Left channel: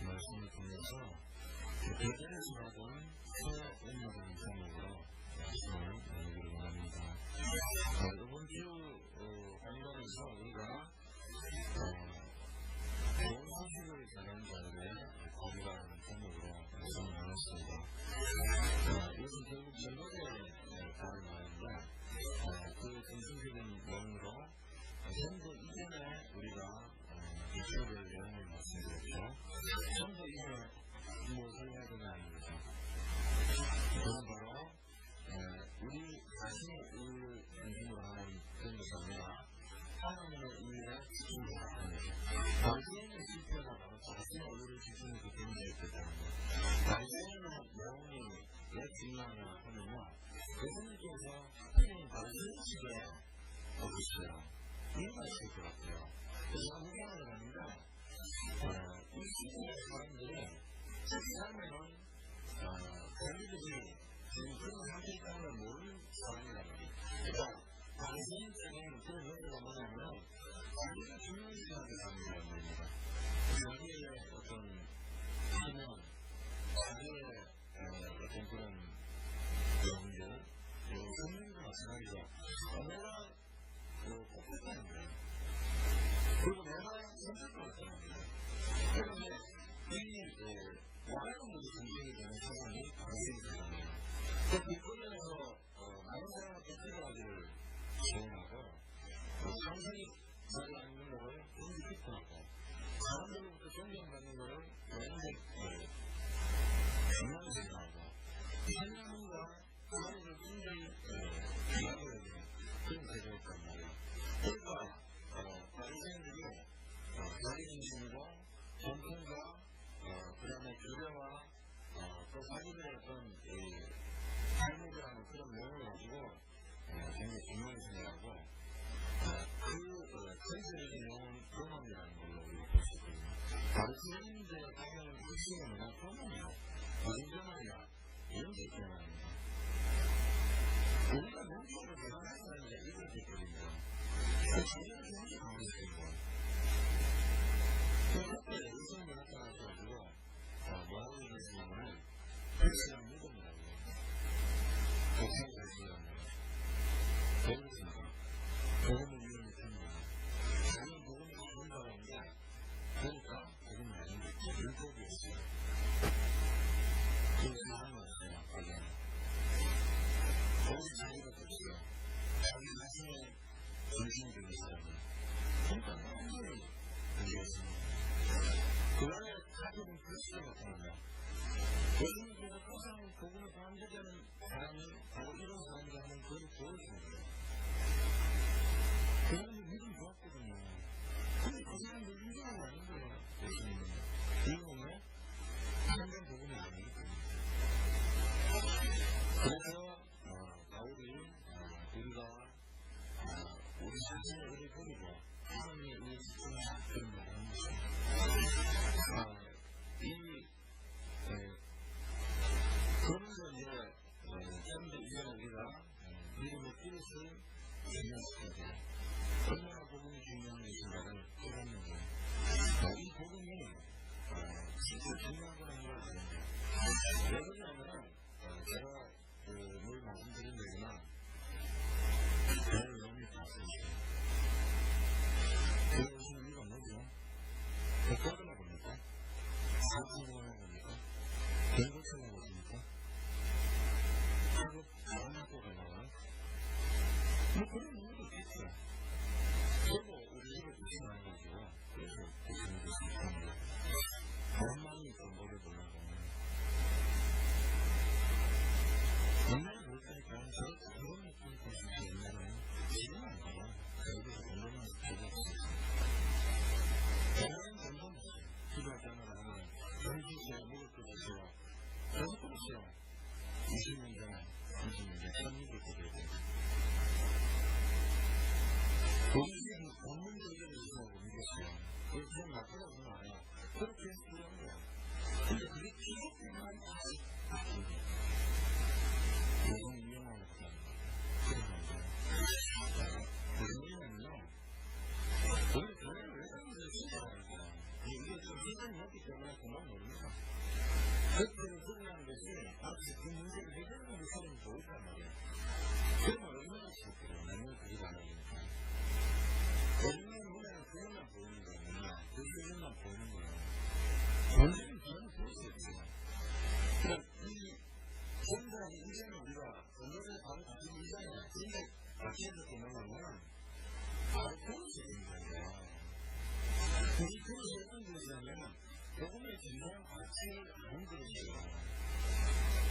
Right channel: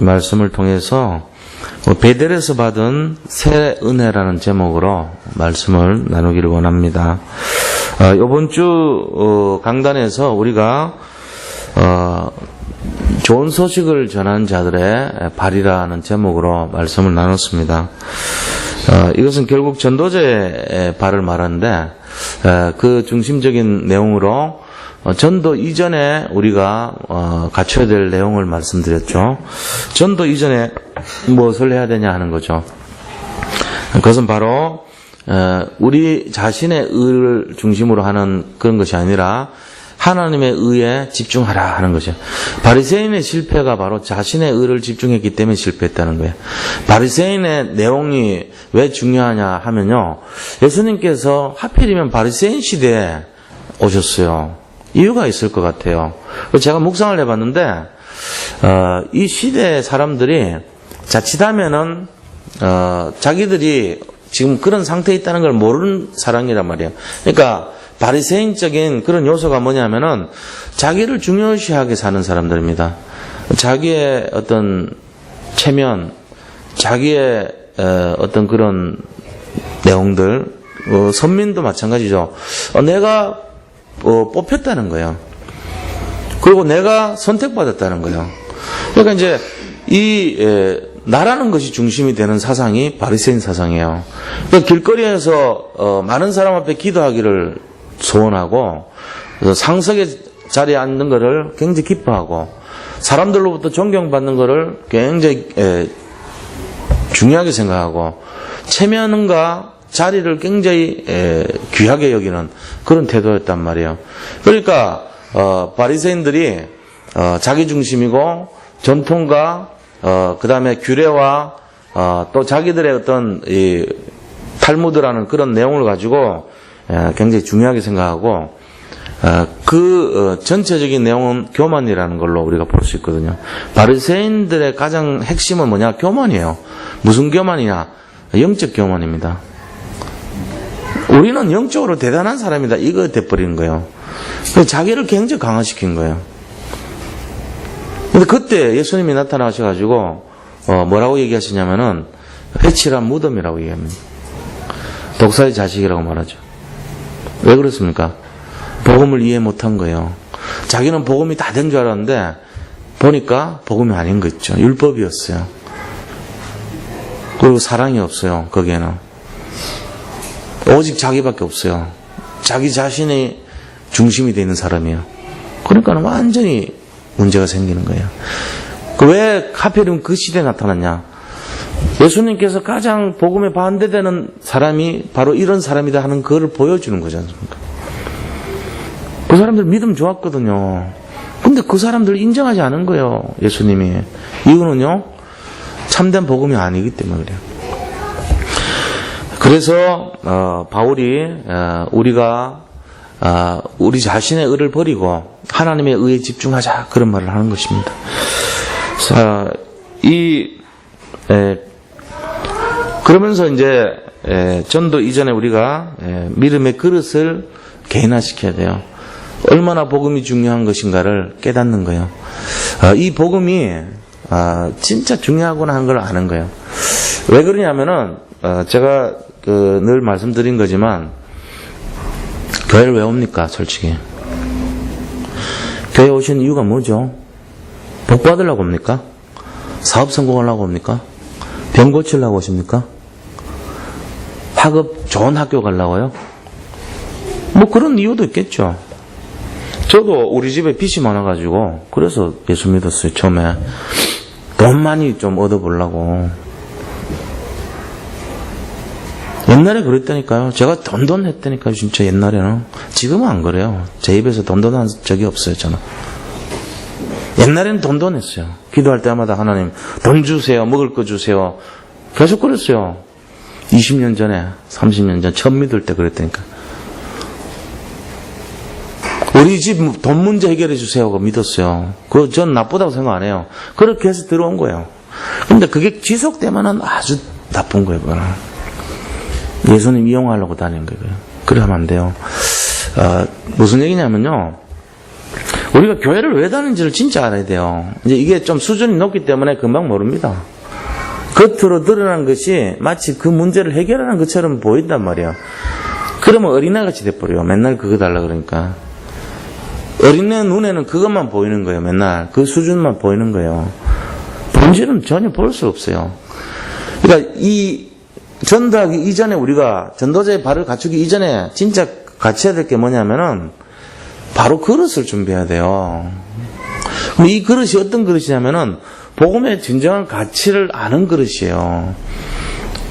말씀을 통해서 베델에서 받은 새 은혜라는 제목으로 말씀을 나누기를 원합니다. 이번 주 강단에서 우리가 좋은 소식을 전하는 자들의 발이라는 제목으로 말씀을 나눴습니다. 이것은 결국 전도자의 발을 말하는데 그 중심적인 내용으로 전도 이전에 우리가 갖춰야 될 내용을 말씀드렸죠. 전도 이전에 무엇을 해야 되냐 하는 거죠. 그것은 바로 우리 자신의 의를 중심으로 하는 그런 것이 아니라 하나님의 의에 집중하라 하는 것이에요. 바리새인의 실패가 바로 자신의 의를 집중했기 때문에 실패했다는 거예요. 바리새인의 내용이 왜 중요하냐 하면요, 예수님께서 하필이면 바리새인 시대에 오셨어요. 이유가 있을 것 같아요. 제가 묵상을 해봤는데 이 시대의 사람들이 자칫하면은 자기들이 지금 그런 상태에 있다는 걸 모르는 사람이란 말이에요. 그러니까 바리새인적인 그런 요소가 뭐냐면은 자기를 중요시하게 사는 사람들입니다. 자기의 어떤 체면, 자기의 어떤 그런 내용들, 선민도 마찬가지죠. 내가 뽑혔다는 거예요. 그리고 내가 선택받았다는 거예요. 그러니까 이제 나라는 것이 중심이 되는 사상이 바리새인 사상이에요. 그러니까 길거리에서 많은 사람 앞에 기도하기를 소원하고 상석의 자리에 앉는 것을 굉장히 기뻐하고 사람들로부터 존경받는 것을 굉장히 중요하게 생각하고 체면과 자리를 굉장히 귀하게 여기는 그런 태도였단 말이에요. 그러니까 바리새인들이 자기 중심이고 전통과 그 다음에 규례와 또 자기들의 어떤 이 탈무드라는 그런 내용을 가지고 굉장히 중요하게 생각하고 전체적인 내용은 교만이라는 걸로 우리가 볼 수 있거든요. 바리새인들의 가장 핵심은 뭐냐? 교만이에요. 무슨 교만이냐? 영적 교만입니다. 우리는 영적으로 대단한 사람이다. 이거 돼버리는 거예요. 자기를 굉장히 강화시킨 거예요. 근데 그때 예수님이 나타나셔가지고 뭐라고 얘기하시냐면은 회칠한 무덤이라고 얘기합니다. 독사의 자식이라고 말하죠. 왜 그렇습니까? 복음을 이해 못한 거예요. 자기는 복음이 다 된 줄 알았는데 보니까 복음이 아닌 거 있죠. 율법이었어요. 그리고 사랑이 없어요. 거기에는 오직 자기밖에 없어요. 자기 자신이 중심이 되는 사람이에요. 그러니까 완전히 문제가 생기는 거예요. 왜 하필이면 그 시대에 나타났냐? 예수님께서 가장 복음에 반대되는 사람이 바로 이런 사람이다 하는 그걸 보여주는 거지 않습니까? 그 사람들 믿음 좋았거든요. 근데 그 사람들 인정하지 않은 거예요. 예수님이. 이유는요, 참된 복음이 아니기 때문에 그래요. 그래서 바울이 우리가 우리 자신의 의를 버리고 하나님의 의에 집중하자 그런 말을 하는 것입니다. 그러면서 이제 전도 이전에 우리가 믿음의 그릇을 개인화시켜야 돼요. 얼마나 복음이 중요한 것인가를 깨닫는 거예요. 이 복음이 진짜 중요하구나 하는 걸 아는 거예요. 왜 그러냐면은 제가 늘 말씀드린 거지만 교회를 왜 옵니까? 솔직히 교회 오신 이유가 뭐죠? 복 받으려고 옵니까? 사업 성공하려고 옵니까? 병 고치려고 오십니까? 학업 좋은 학교 가려고요? 뭐 그런 이유도 있겠죠. 저도 우리 집에 빚이 많아가지고 그래서 예수 믿었어요. 처음에 돈 많이 좀 얻어보려고. 옛날에 그랬다니까요. 제가 돈돈했다니까요. 진짜 옛날에는. 지금은 안 그래요. 제 입에서 돈돈한 적이 없어요. 저는. 옛날에는 돈돈했어요. 기도할 때마다 하나님 돈 주세요. 먹을 거 주세요. 계속 그랬어요. 20년 전에 30년 전 처음 믿을 때 그랬다니까. 우리 집 돈 문제 해결해 주세요. 믿었어요. 그거 전 나쁘다고 생각 안 해요. 그렇게 해서 들어온 거예요. 근데 그게 지속되면은 아주 나쁜 거예요. 그거는. 예수님 이용하려고 다니는 거예요. 그래 하면 안 돼요. 무슨 얘기냐면요. 우리가 교회를 왜 다니는지를 진짜 알아야 돼요. 이제 이게 좀 수준이 높기 때문에 금방 모릅니다. 겉으로 드러난 것이 마치 그 문제를 해결하는 것처럼 보인단 말이에요. 그러면 어린애같이 돼버려요. 맨날 그거 달라 그러니까. 어린애 눈에는 그것만 보이는 거예요. 맨날 그 수준만 보이는 거예요. 본질은 전혀 볼 수 없어요. 그러니까 이 전도하기 이전에 우리가 전도자의 발을 갖추기 이전에 진짜 갖춰야 될 게 뭐냐면은 바로 그릇을 준비해야 돼요. 그럼 이 그릇이 어떤 그릇이냐면은 복음의 진정한 가치를 아는 그릇이에요.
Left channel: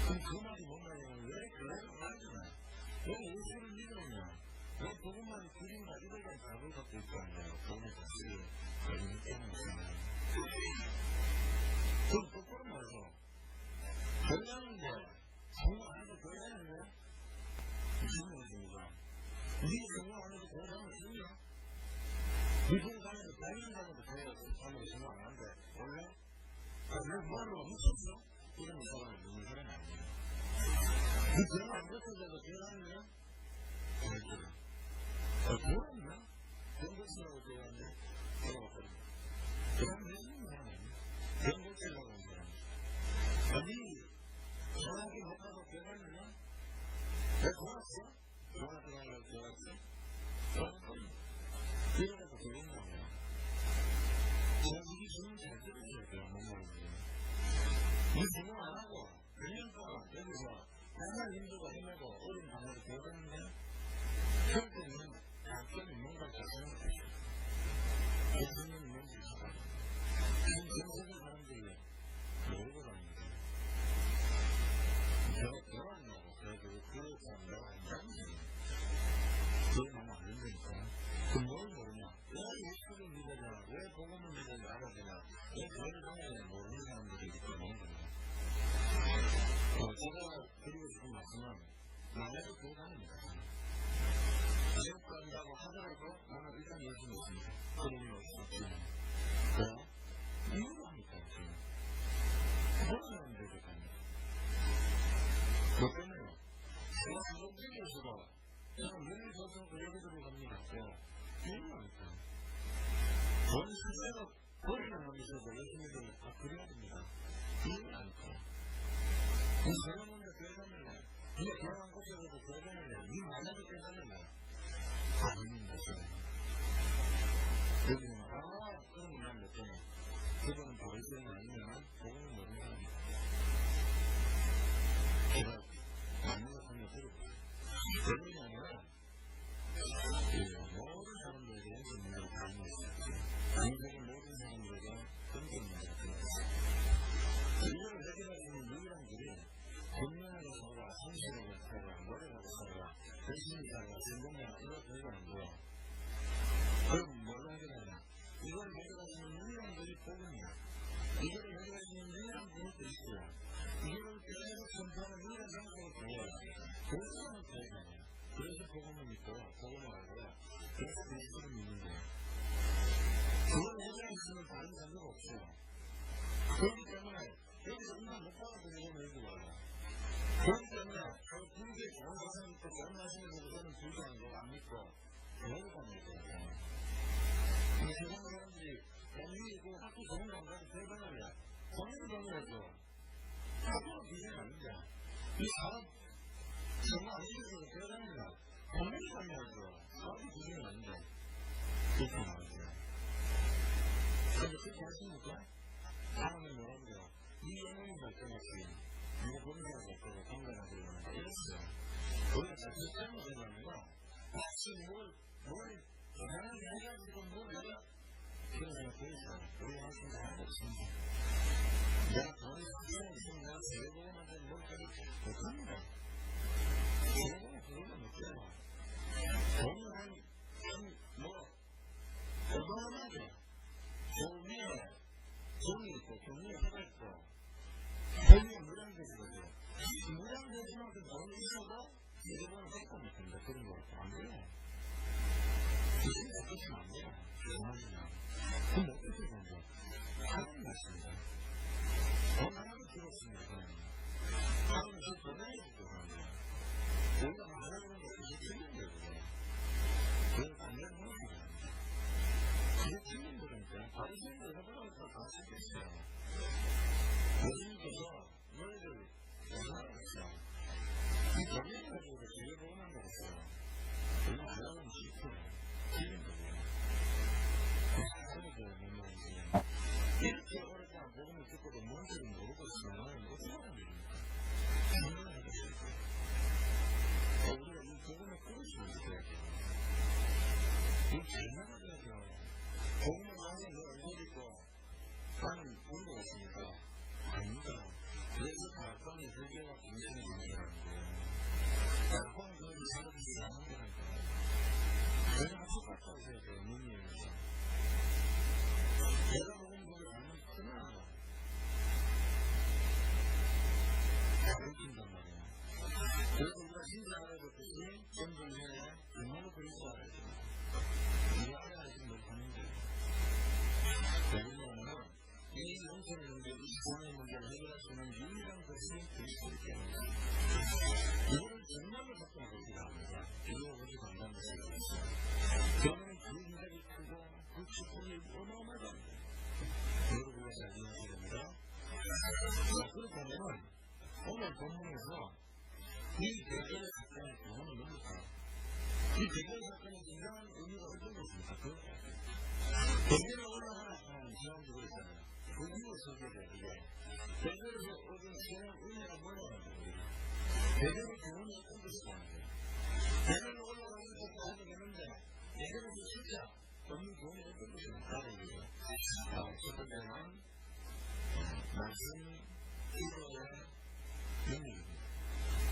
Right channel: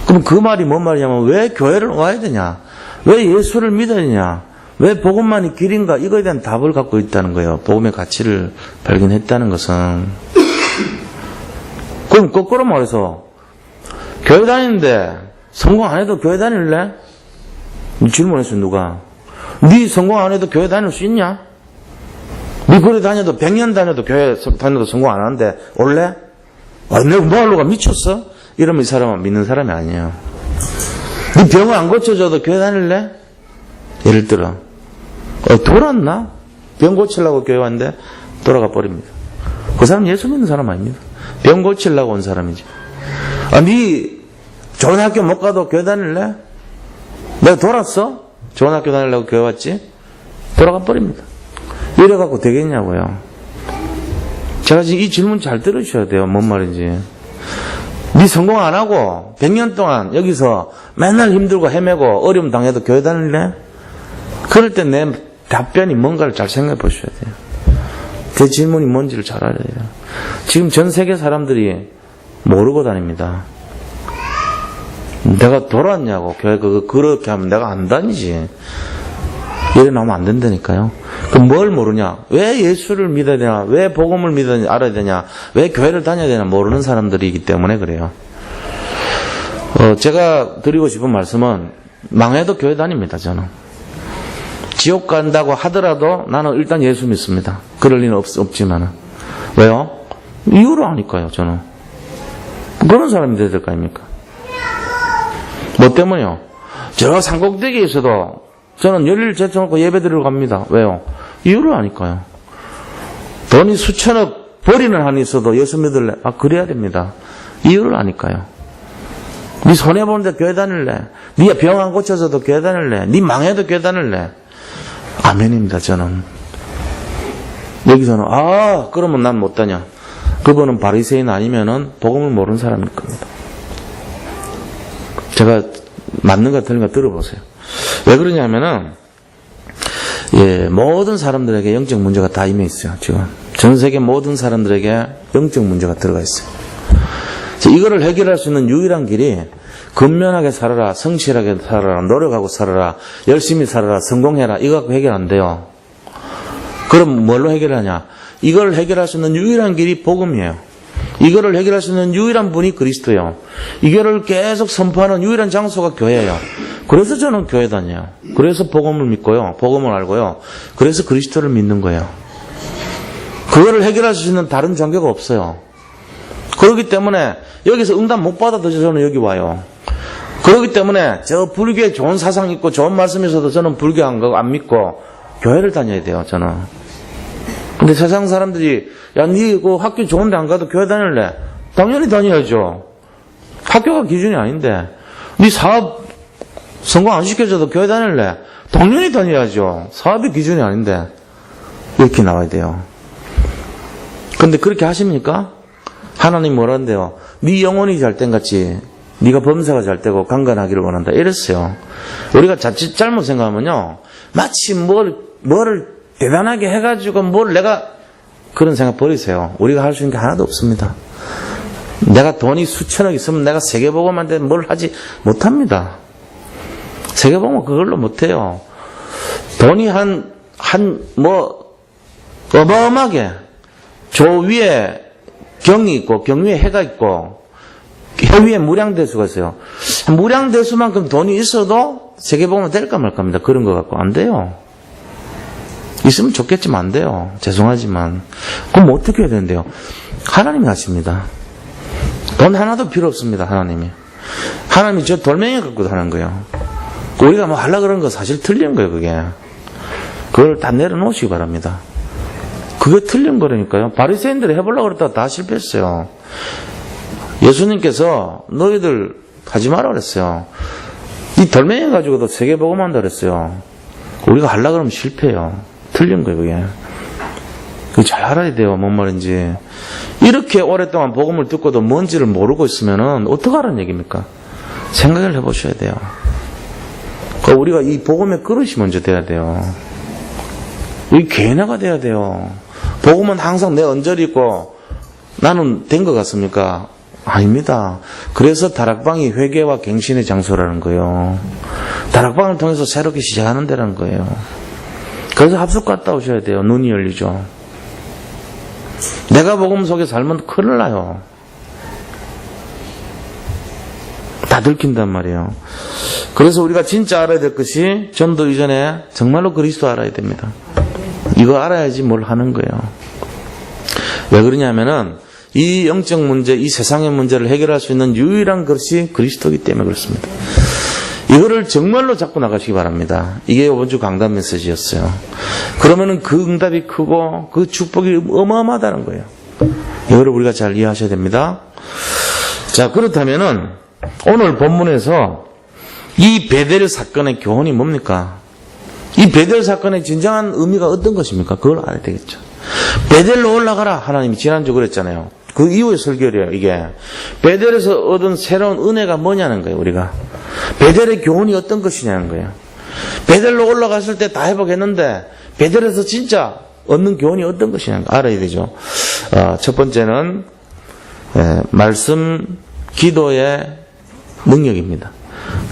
그럼 그 말이 뭔 말이냐면 왜 교회를 와야 되냐? 왜 예수를 믿어야 되냐? 왜 복음만이 길인가? 이거에 대한 답을 갖고 있다는 거예요. 복음의 가치를 발견했다는 것은. 그럼 거꾸로 말해서 교회 다니는데 성공 안 해도 교회 다닐래? 질문했어 누가? 네 성공 안 해도 교회 다닐 수 있냐? 네 교회 다녀도 100년 다녀도 교회 다녀도 성공 안 하는데 올래? 아, 내가 뭐 하려고 미쳤어? 이러면 이 사람은 믿는 사람이 아니에요. 네 병을 안 고쳐줘도 교회 다닐래? 예를 들어 돌았나? 병 고치려고 교회 왔는데 돌아가 버립니다. 그 사람 예수 믿는 사람 아닙니다. 병 고치려고 온 사람이지. 아, 네 좋은 학교 못 가도 교회 다닐래? 내가 돌았어? 좋은 학교 다니려고 교회 왔지? 돌아가 버립니다. 이래갖고 되겠냐고요. 제가 지금 이 질문 잘 들으셔야 돼요. 뭔 말인지. 네 성공 안 하고 100년 동안 여기서 맨날 힘들고 헤매고 어려움 당해도 교회 다닐래? 그럴 때 내 답변이 뭔가를 잘 생각해 보셔야 돼요. 그 질문이 뭔지를 잘 알아야 돼요. 지금 전 세계 사람들이 모르고 다닙니다. 내가 돌아왔냐고 교회 그렇게 하면 내가 안 다니지. 이래 나오면 안 된다니까요. 그럼 뭘 모르냐? 왜 예수를 믿어야 되냐? 왜 복음을 믿어야 알아야 되냐? 왜 교회를 다녀야 되냐? 모르는 사람들이기 때문에 그래요. 제가 드리고 싶은 말씀은 망해도 교회 다닙니다. 저는 지옥 간다고 하더라도 나는 일단 예수 믿습니다. 그럴 리는 없지만은. 왜요? 이유를 아니까요. 저는 그런 사람이 돼야 될 거 아닙니까? 뭐 때문에요? 저 산꼭대기에 있어도 저는 열일 제쳐놓고 예배 드리러 갑니다. 왜요? 이유를 아니까요. 돈이 수천억 버리는 한이 있어도 예수 믿을래? 아, 그래야 됩니다. 이유를 아니까요. 네 손해보는데 교회 다닐래? 네 병 안 고쳐서도 교회 다닐래? 네 망해도 교회 다닐래? 아멘입니다. 저는. 여기서는 그러면 난 못 다녀. 그분은 바리새인 아니면은 복음을 모르는 사람일 겁니다. 제가 맞는가 틀린가 들어보세요. 왜 그러냐면은 모든 사람들에게 영적 문제가 다 임해 있어요. 지금 전 세계 모든 사람들에게 영적 문제가 들어가 있어요. 이거를 해결할 수 있는 유일한 길이 근면하게 살아라, 성실하게 살아라, 노력하고 살아라, 열심히 살아라, 성공해라. 이거 갖고 해결 안 돼요. 그럼 뭘로 해결하냐? 이걸 해결할 수 있는 유일한 길이 복음이에요. 이거를 해결할 수 있는 유일한 분이 그리스도예요. 이거를 계속 선포하는 유일한 장소가 교회예요. 그래서 저는 교회 다녀요. 그래서 복음을 믿고요. 복음을 알고요. 그래서 그리스도를 믿는 거예요. 그거를 해결할 수 있는 다른 종교가 없어요. 그렇기 때문에 여기서 응답 못 받아도 저는 여기 와요. 그렇기 때문에 저 불교에 좋은 사상 있고 좋은 말씀 있어도 저는 불교 안 믿고 교회를 다녀야 돼요. 저는. 근데 세상 사람들이 니 그 학교 좋은데 안 가도 교회 다닐래? 당연히 다녀야죠. 학교가 기준이 아닌데. 니 사업 성공 안 시켜줘도 교회 다닐래? 당연히 다녀야죠. 사업이 기준이 아닌데. 이렇게 나와야 돼요. 근데 그렇게 하십니까? 하나님 뭐란대요? 네 영혼이 잘 땐 같이 네가 범사가 잘 되고 강건하기를 원한다. 이랬어요. 우리가 자칫 잘못 생각하면요. 마치 뭐를 대단하게 해가지고 내가 그런 생각 버리세요. 우리가 할 수 있는 게 하나도 없습니다. 내가 돈이 수천억 있으면 내가 세계복음한테 뭘 하지 못합니다. 세계복음 그걸로 못해요. 돈이 어마어마하게 조 위에 경이 있고 경 위에 해가 있고 해 위에 무량대수가 있어요. 무량대수만큼 돈이 있어도 세계복음은 될까 말까입니다. 그런 거 갖고 안 돼요. 있으면 좋겠지만 안 돼요. 죄송하지만. 그럼 어떻게 해야 되는데요? 하나님이 하십니다. 돈 하나도 필요 없습니다. 하나님이 저 돌멩이 갖고 하는 거예요. 우리가 하려고 그러는 거 사실 틀린 거예요. 그걸 다 내려놓으시기 바랍니다. 그게 틀린 거라니까요. 바리새인들이 해보려고 그랬다가 다 실패했어요. 예수님께서 너희들 하지 마라 그랬어요. 이 돌멩이 가지고도 세계복음한다 그랬어요. 우리가 하려고 그러면 실패해요. 틀린 거예요, 그게. 그거 잘 알아야 돼요, 뭔 말인지. 이렇게 오랫동안 복음을 듣고도 뭔지를 모르고 있으면은 어떡하라는 얘기입니까? 생각을 해보셔야 돼요. 그러니까 우리가 이 복음의 그릇이 먼저 돼야 돼요. 이 개나가 돼야 돼요. 복음은 항상 내 언저리 있고 나는 된 것 같습니까? 아닙니다. 그래서 다락방이 회개와 갱신의 장소라는 거예요. 다락방을 통해서 새롭게 시작하는 데라는 거예요. 그래서 합숙 갔다 오셔야 돼요. 눈이 열리죠. 내가 복음 속에 살면 큰일 나요. 다 들킨단 말이에요. 그래서 우리가 진짜 알아야 될 것이 전도 이전에 정말로 그리스도 알아야 됩니다. 이거 알아야지 뭘 하는 거예요. 왜 그러냐면은 이 영적 문제, 이 세상의 문제를 해결할 수 있는 유일한 것이 그리스도이기 때문에 그렇습니다. 이거를 정말로 잡고 나가시기 바랍니다. 이게 이번 주 강단 메시지였어요. 그러면은 그 응답이 크고 그 축복이 어마어마하다는 거예요. 이거를 우리가 잘 이해하셔야 됩니다. 자, 그렇다면은 오늘 본문에서 이 베델 사건의 교훈이 뭡니까? 이 베델 사건의 진정한 의미가 어떤 것입니까? 그걸 알아야 되겠죠. 베델로 올라가라. 하나님이 지난주 그랬잖아요. 그 이후의 설교래요, 이게. 베델에서 얻은 새로운 은혜가 뭐냐는 거예요, 우리가. 베델의 교훈이 어떤 것이냐는 거예요. 베델로 올라갔을 때 다 회복했는데, 베델에서 진짜 얻는 교훈이 어떤 것이냐는 거 알아야 되죠. 첫 번째는, 말씀, 기도의 능력입니다.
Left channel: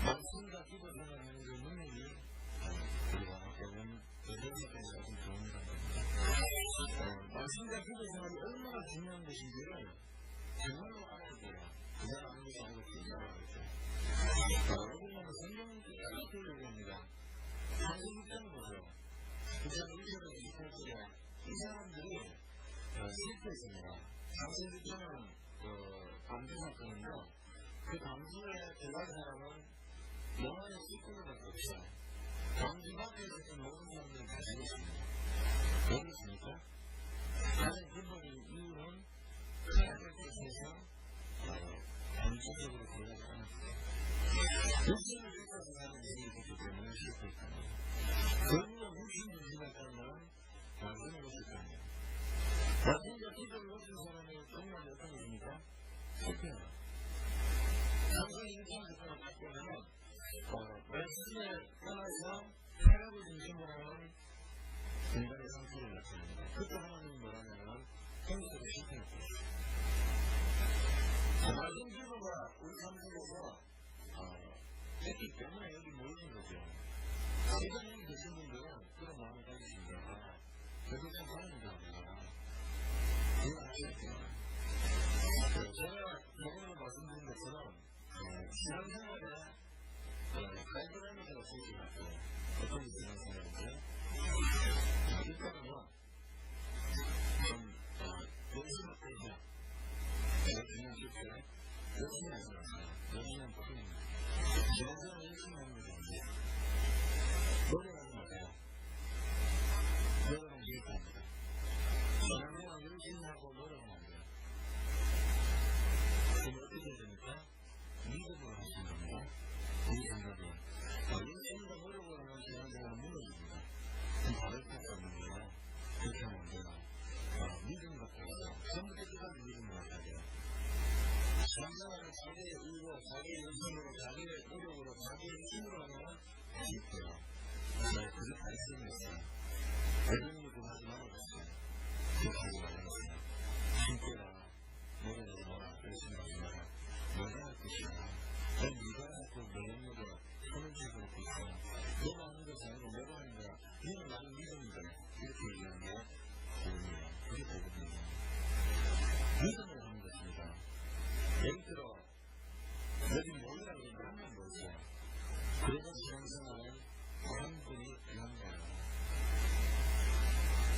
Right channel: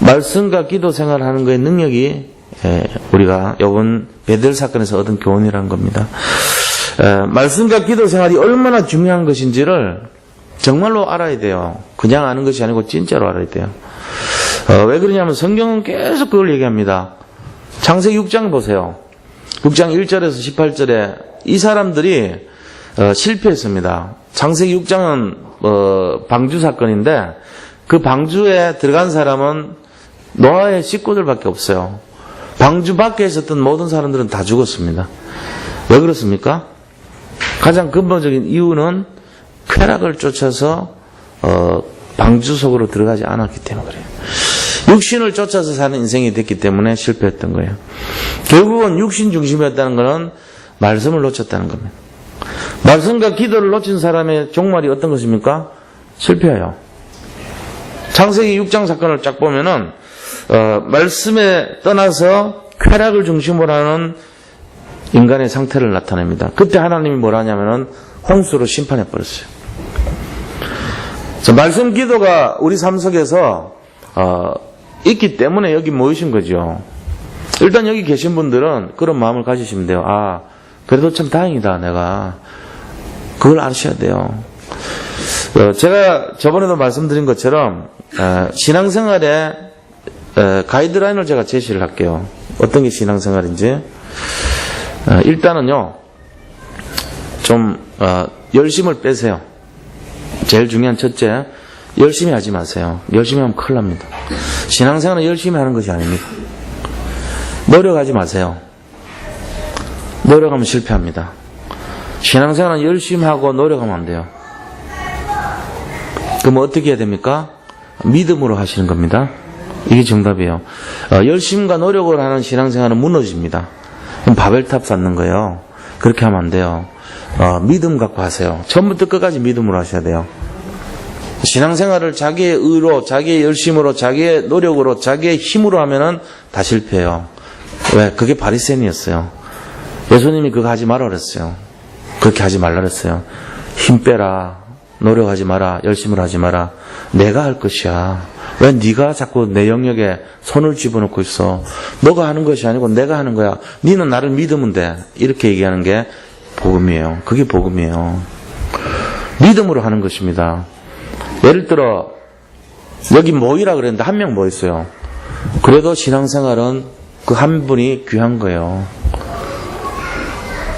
말씀과 기도 생활하는 거의 능력이, 우리가 이번 베델 사건에서 얻은 교훈이라는 겁니다. 말씀과 기도 생활이 얼마나 중요한 것인지를 정말로 알아야 돼요. 그냥 아는 것이 아니고 진짜로 알아야 돼요. 왜 그러냐면 성경은 계속 그걸 얘기합니다. 창세기 6장 보세요. 6장 1절에서 18절에 이 사람들이 실패했습니다. 창세기 6장은 방주 사건인데 그 방주에 들어간 사람은 노아의 식구들밖에 없어요. 방주 밖에 있었던 모든 사람들은 다 죽었습니다. 왜 그렇습니까? 가장 근본적인 이유는 쾌락을 쫓아서 방주 속으로 들어가지 않았기 때문에 그래요. 육신을 쫓아서 사는 인생이 됐기 때문에 실패했던 거예요. 결국은 육신 중심이었다는 것은 말씀을 놓쳤다는 겁니다. 말씀과 기도를 놓친 사람의 종말이 어떤 것입니까? 실패해요. 창세기 6장 사건을 쫙 보면은 말씀에 떠나서 쾌락을 중심으로 하는 인간의 상태를 나타냅니다. 그때 하나님이 뭐라 하냐면은 홍수로 심판해 버렸어요. 말씀 기도가 우리 삶 속에서 있기 때문에 여기 모이신 거죠. 일단 여기 계신 분들은 그런 마음을 가지시면 돼요. 아, 그래도 참 다행이다, 내가. 그걸 아셔야 돼요. 제가 저번에도 말씀드린 것처럼 신앙생활에 가이드라인을 제가 제시를 할게요. 어떤 게 신앙생활인지. 일단은요, 좀 열심을 빼세요. 제일 중요한 첫째, 열심히 하지 마세요. 열심히 하면 큰일 납니다. 신앙생활은 열심히 하는 것이 아닙니다. 노력하지 마세요. 노력하면 실패합니다. 신앙생활은 열심히 하고 노력하면 안 돼요. 그럼 어떻게 해야 됩니까? 믿음으로 하시는 겁니다. 이게 정답이에요. 열심과 노력을 하는 신앙생활은 무너집니다. 그럼 바벨탑 쌓는 거예요. 그렇게 하면 안 돼요. 믿음 갖고 하세요. 처음부터 끝까지 믿음으로 하셔야 돼요. 신앙생활을 자기의 의로, 자기의 열심으로, 자기의 노력으로, 자기의 힘으로 하면은 다 실패해요. 왜? 그게 바리새인이었어요. 예수님이 그거 하지 마라 그랬어요. 그렇게 하지 말라 그랬어요. 힘 빼라. 노력하지 마라. 열심을 하지 마라. 내가 할 것이야. 왜 네가 자꾸 내 영역에 손을 집어넣고 있어? 너가 하는 것이 아니고 내가 하는 거야. 너는 나를 믿으면 돼. 이렇게 얘기하는 게 복음이에요. 그게 복음이에요. 믿음으로 하는 것입니다. 예를 들어 여기 모이라 그랬는데 한 명 모였어요. 그래도 신앙생활은 그 한 분이 귀한 거예요.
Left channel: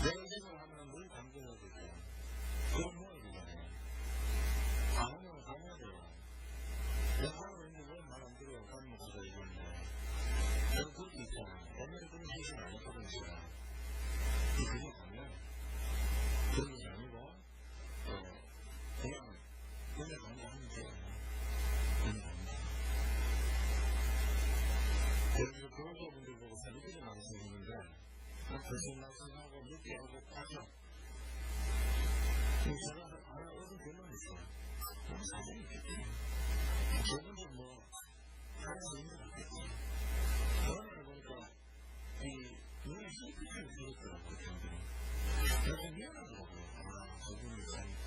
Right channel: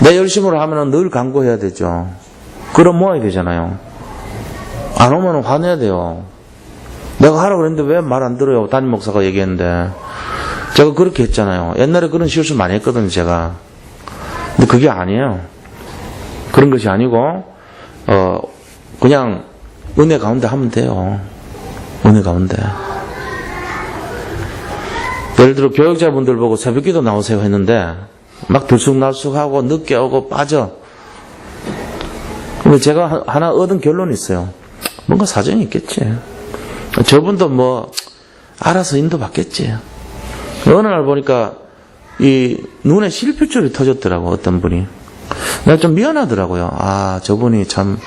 내 열심으로 하면 늘 간구해야 되죠. 그럼 모아야 되잖아요. 안 오면 화내야 돼요. 내가 하라고 그랬는데 왜 말 안 들어요? 담임 목사가 얘기했는데. 제가 그렇게 했잖아요. 옛날에 그런 실수 많이 했거든요, 제가. 근데 그게 아니에요. 그런 것이 아니고 그냥 은혜 가운데 하면 돼요. 은혜 가운데. 예를 들어 교육자분들 보고 새벽기도 나오세요 했는데 막 들쑥날쑥하고 늦게 오고 빠져. 근데 제가 하나 얻은 결론이 있어요. 뭔가 사정이 있겠지. 저분도 뭐 알아서 인도받겠지. 어느 날 보니까 이 눈에 실핏줄이 터졌더라고, 어떤 분이. 내가 좀 미안하더라고요. 아, 저분이 참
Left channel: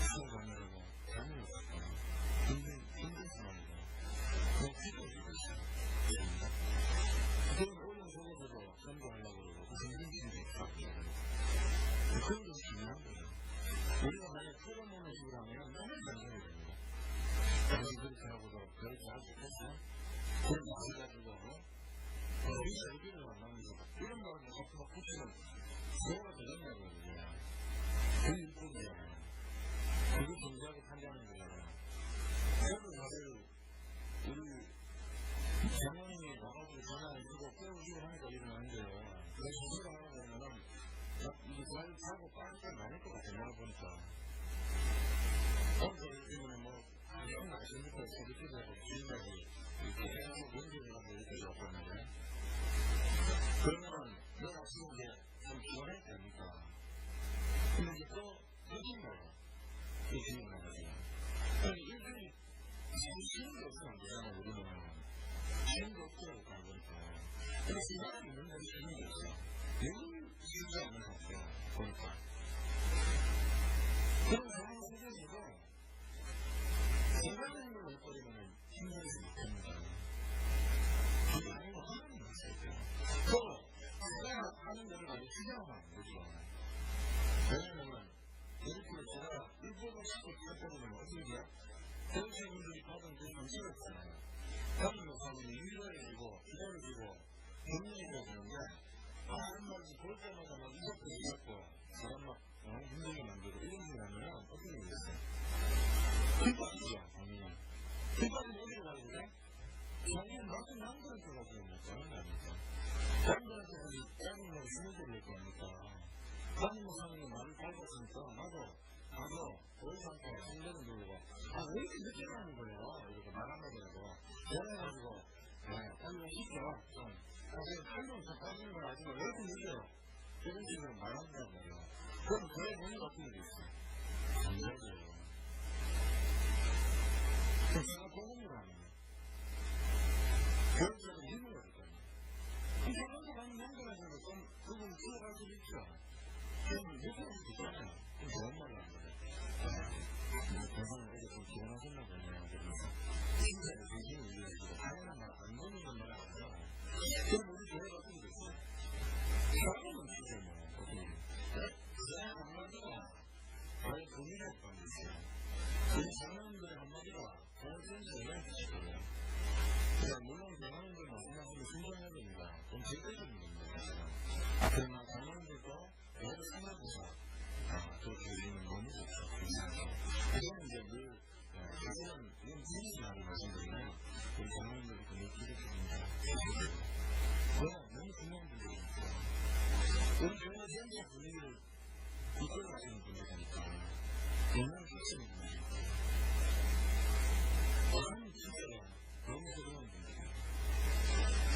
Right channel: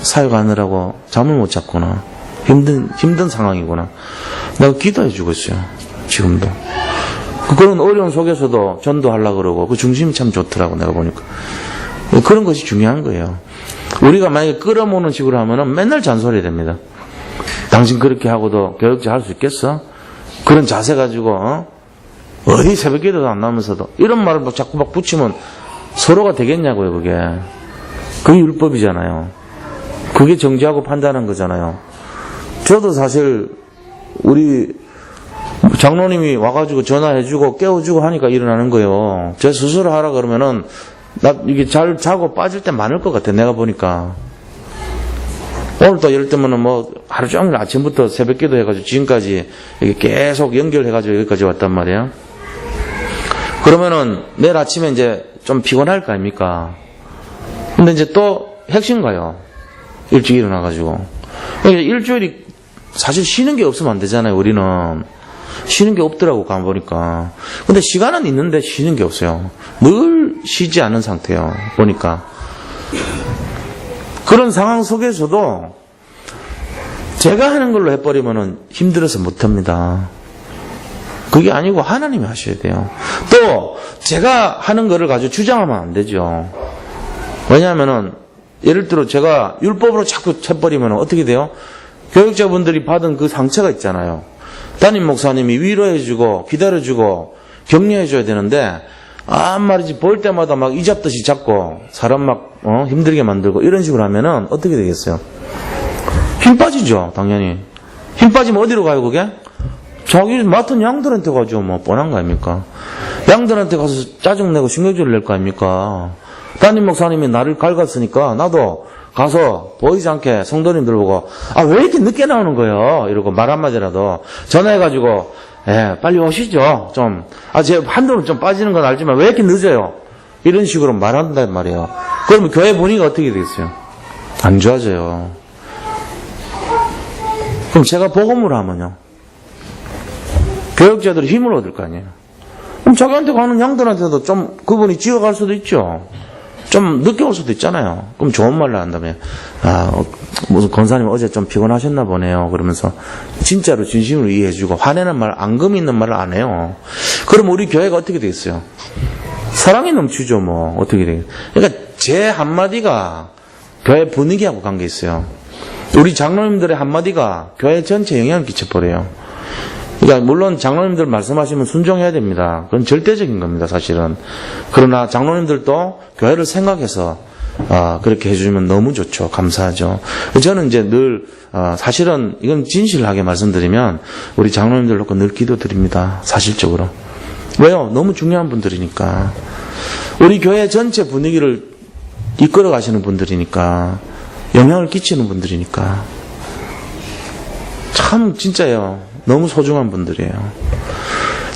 사역하느라고 잠을 못 잤구나. 힘든 상황이구나. 내가 기도해 주고 있어요. 지금도. 그런 어려운 속에서도 전도하려고 그러고 그 중심이 참 좋더라고, 내가 보니까. 그런 것이 중요한 거예요. 우리가 만약에 끌어모으는 식으로 하면은 맨날 잔소리 됩니다. 당신 그렇게 하고도 교육자 할 수 있겠어? 그런 자세 가지고, 어디 새벽 기도도 안 나오면서도 이런 말을 막 자꾸 막 붙이면 서로가 되겠냐고요, 그게. 그게 율법이잖아요. 그게 정죄하고 판단한 거잖아요. 저도 사실 우리 장로님이 와가지고 전화해주고 깨워주고 하니까 일어나는 거예요. 제 스스로 하라 그러면은 나 이게 잘 자고 빠질 때 많을 것 같아, 내가 보니까. 오늘도 예를 들면은 뭐 하루 종일 아침부터 새벽 기도 해가지고 지금까지 이렇게 계속 연결해가지고 여기까지 왔단 말이에요. 그러면은 내일 아침에 이제 좀 피곤할 거 아닙니까? 근데 이제 또 핵심 가요. 일찍 일어나가지고. 그러니까 일주일이 사실 쉬는 게 없으면 안 되잖아요, 우리는. 쉬는 게 없더라고, 가보니까. 근데 시간은 있는데 쉬는 게 없어요. 늘 쉬지 않은 상태예요, 보니까. 그런 상황 속에서도 제가 하는 걸로 해버리면은 힘들어서 못합니다. 그게 아니고 하나님이 하셔야 돼요. 또 제가 하는 거를 가지고 주장하면 안 되죠. 왜냐하면은 예를 들어 제가 율법으로 자꾸 해버리면 어떻게 돼요? 교육자분들이 받은 그 상처가 있잖아요. 담임 목사님이 위로해주고 기다려주고 격려해줘야 되는데 말이지 볼 때마다 막 이잡듯이 잡고 사람 막 힘들게 만들고 이런 식으로 하면은 어떻게 되겠어요? 힘 빠지죠, 당연히. 힘 빠지면 어디로 가요, 그게? 자기 맡은 양들한테 가죠, 뭐 뻔한 거 아닙니까? 양들한테 가서 짜증내고 신경질을 낼 거 아닙니까? 담임 목사님이 나를 갉았으니까 나도 가서 보이지 않게 성도님들 보고 왜 이렇게 늦게 나오는 거예요? 이러고 말 한마디라도 전화해가지고 빨리 오시죠. 좀 제 한동안 좀 빠지는 건 알지만 왜 이렇게 늦어요? 이런 식으로 말한단 말이에요. 그러면 교회 분위기가 어떻게 되겠어요? 안 좋아져요. 그럼 제가 복음을 하면요, 교육자들이 힘을 얻을 거 아니에요. 그럼 자기한테 가는 양들한테도 좀 그분이 지어갈 수도 있죠. 좀 늦게 올 수도 있잖아요. 그럼 좋은 말로 한다면 무슨 권사님 어제 좀 피곤하셨나 보네요. 그러면서 진짜로 진심으로 이해해주고 화내는 말, 앙금 있는 말을 안 해요. 그럼 우리 교회가 어떻게 되겠어요? 사랑이 넘치죠, 뭐. 어떻게 되겠어요? 그러니까 제 한마디가 교회 분위기하고 관계 있어요. 우리 장로님들의 한마디가 교회 전체에 영향을 끼쳐버려요. 그러니까 물론 장로님들 말씀하시면 순종해야 됩니다. 그건 절대적인 겁니다, 사실은. 그러나 장로님들도 교회를 생각해서 그렇게 해주면 너무 좋죠. 감사하죠. 저는 이제 늘 사실은 이건 진실하게 말씀드리면 우리 장로님들 놓고 늘 기도드립니다. 사실적으로. 왜요? 너무 중요한 분들이니까. 우리 교회 전체 분위기를 이끌어 가시는 분들이니까. 영향을 끼치는 분들이니까. 참 진짜요. 너무 소중한 분들이에요.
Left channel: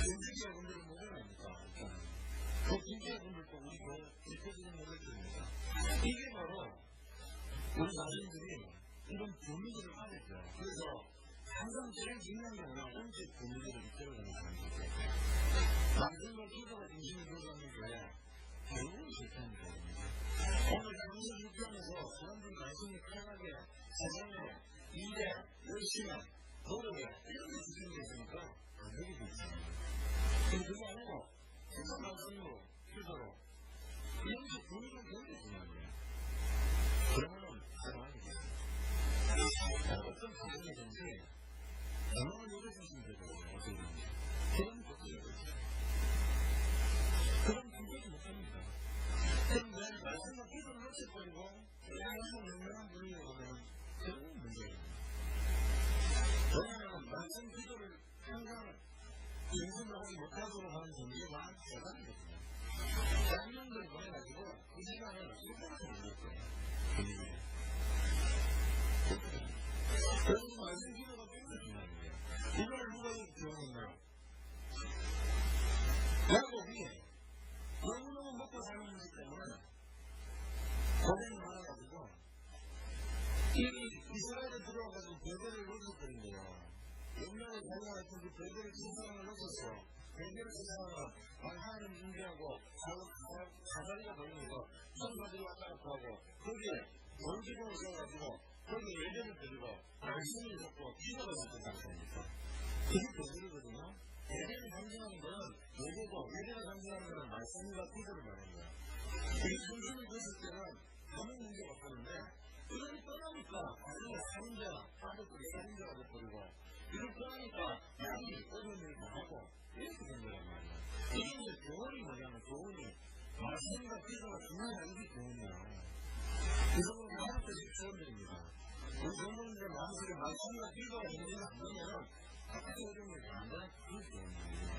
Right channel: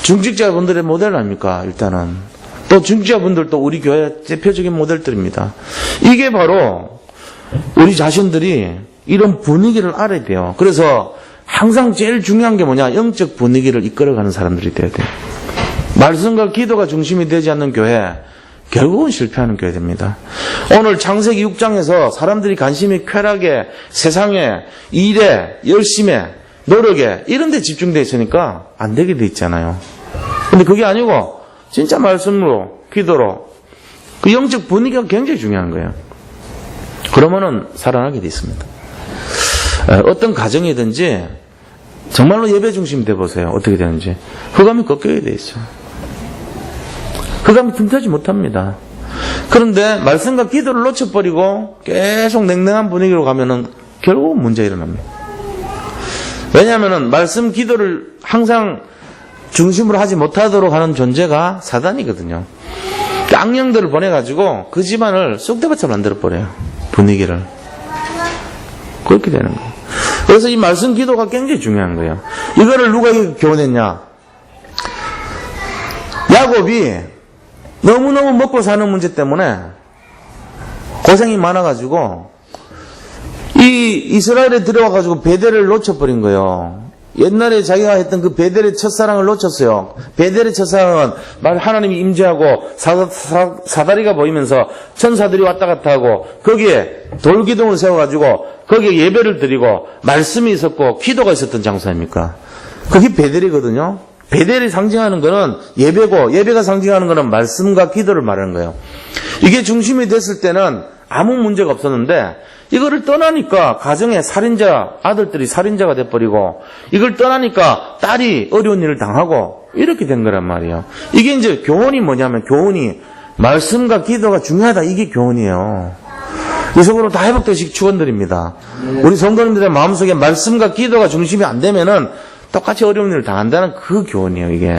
중직자분들의 모델 아닙니까? 일단은. 또 중직자분들도 우리 교회 대표적인 모델들입니다. 이게 바로 우리 자신들이 이런 분위기를 알아야 돼요. 그래서 항상 제일 중요한 게 뭐냐? 영적 분위기를 이끌어가는 사람들이 돼야 돼요. 말씀과 기도가 중심이 되지 않는 교회, 결국은 실패하는 교회 됩니다. 오늘 창세기 6장에서 사람들이 관심이 쾌락에, 세상에, 일에, 열심에, 노력에 이런 데 집중되어 있으니까 안 되게 돼 있잖아요. 근데 그게 아니고 진짜 말씀으로, 기도로 그 영적 분위기가 굉장히 중요한 거예요. 그러면은 살아나게 돼 있습니다. 어떤 가정이든지 정말로 예배 중심 돼 보세요. 어떻게 되는지. 흑암이 꺾여야 돼 있어요. 흑암이 틈타지 못합니다. 그런데 말씀과 기도를 놓쳐버리고 계속 냉랭한 분위기로 가면은 결국은 문제 일어납니다. 왜냐하면 말씀 기도를 항상 중심으로 하지 못하도록 하는 존재가 사단이거든요. 깡형들을 보내가지고 그 집안을 쑥대밭처럼 만들어버려요. 분위기를. 그렇게 되는 거예요. 그래서 이 말씀 기도가 굉장히 중요한 거예요. 이거를 누가 교훈했냐? 야곱이 너무너무 먹고 사는 문제 때문에 고생이 많아가지고 이 이스라엘에 들어와가지고 베델을 놓쳐버린 거예요. 옛날에 자기가 했던 그 베델의 첫사랑을 놓쳤어요. 베델의 첫사랑은 하나님이 임재하고 사다리가 보이면서 천사들이 왔다 갔다 하고 거기에 돌기둥을 세워가지고 거기에 예배를 드리고 말씀이 있었고 기도가 있었던 장소 아닙니까? 그게 베델이거든요. 베델이 상징하는 거는 예배고 예배가 상징하는 거는 말씀과 기도를 말하는 거예요. 이게 중심이 됐을 때는 아무 문제가 없었는데 이거를 떠나니까 가정에 살인자, 아들들이 살인자가 돼버리고 이걸 떠나니까 딸이 어려운 일을 당하고 이렇게 된 거란 말이에요. 이게 이제 교훈이 뭐냐면 교훈이 말씀과 기도가 중요하다. 이게 교훈이에요. 이 속으로 다 회복되시기 축원드립니다. 우리 성도님들의 마음속에 말씀과 기도가 중심이 안 되면은 똑같이 어려운 일을 당한다는 그 교훈이에요. 이게.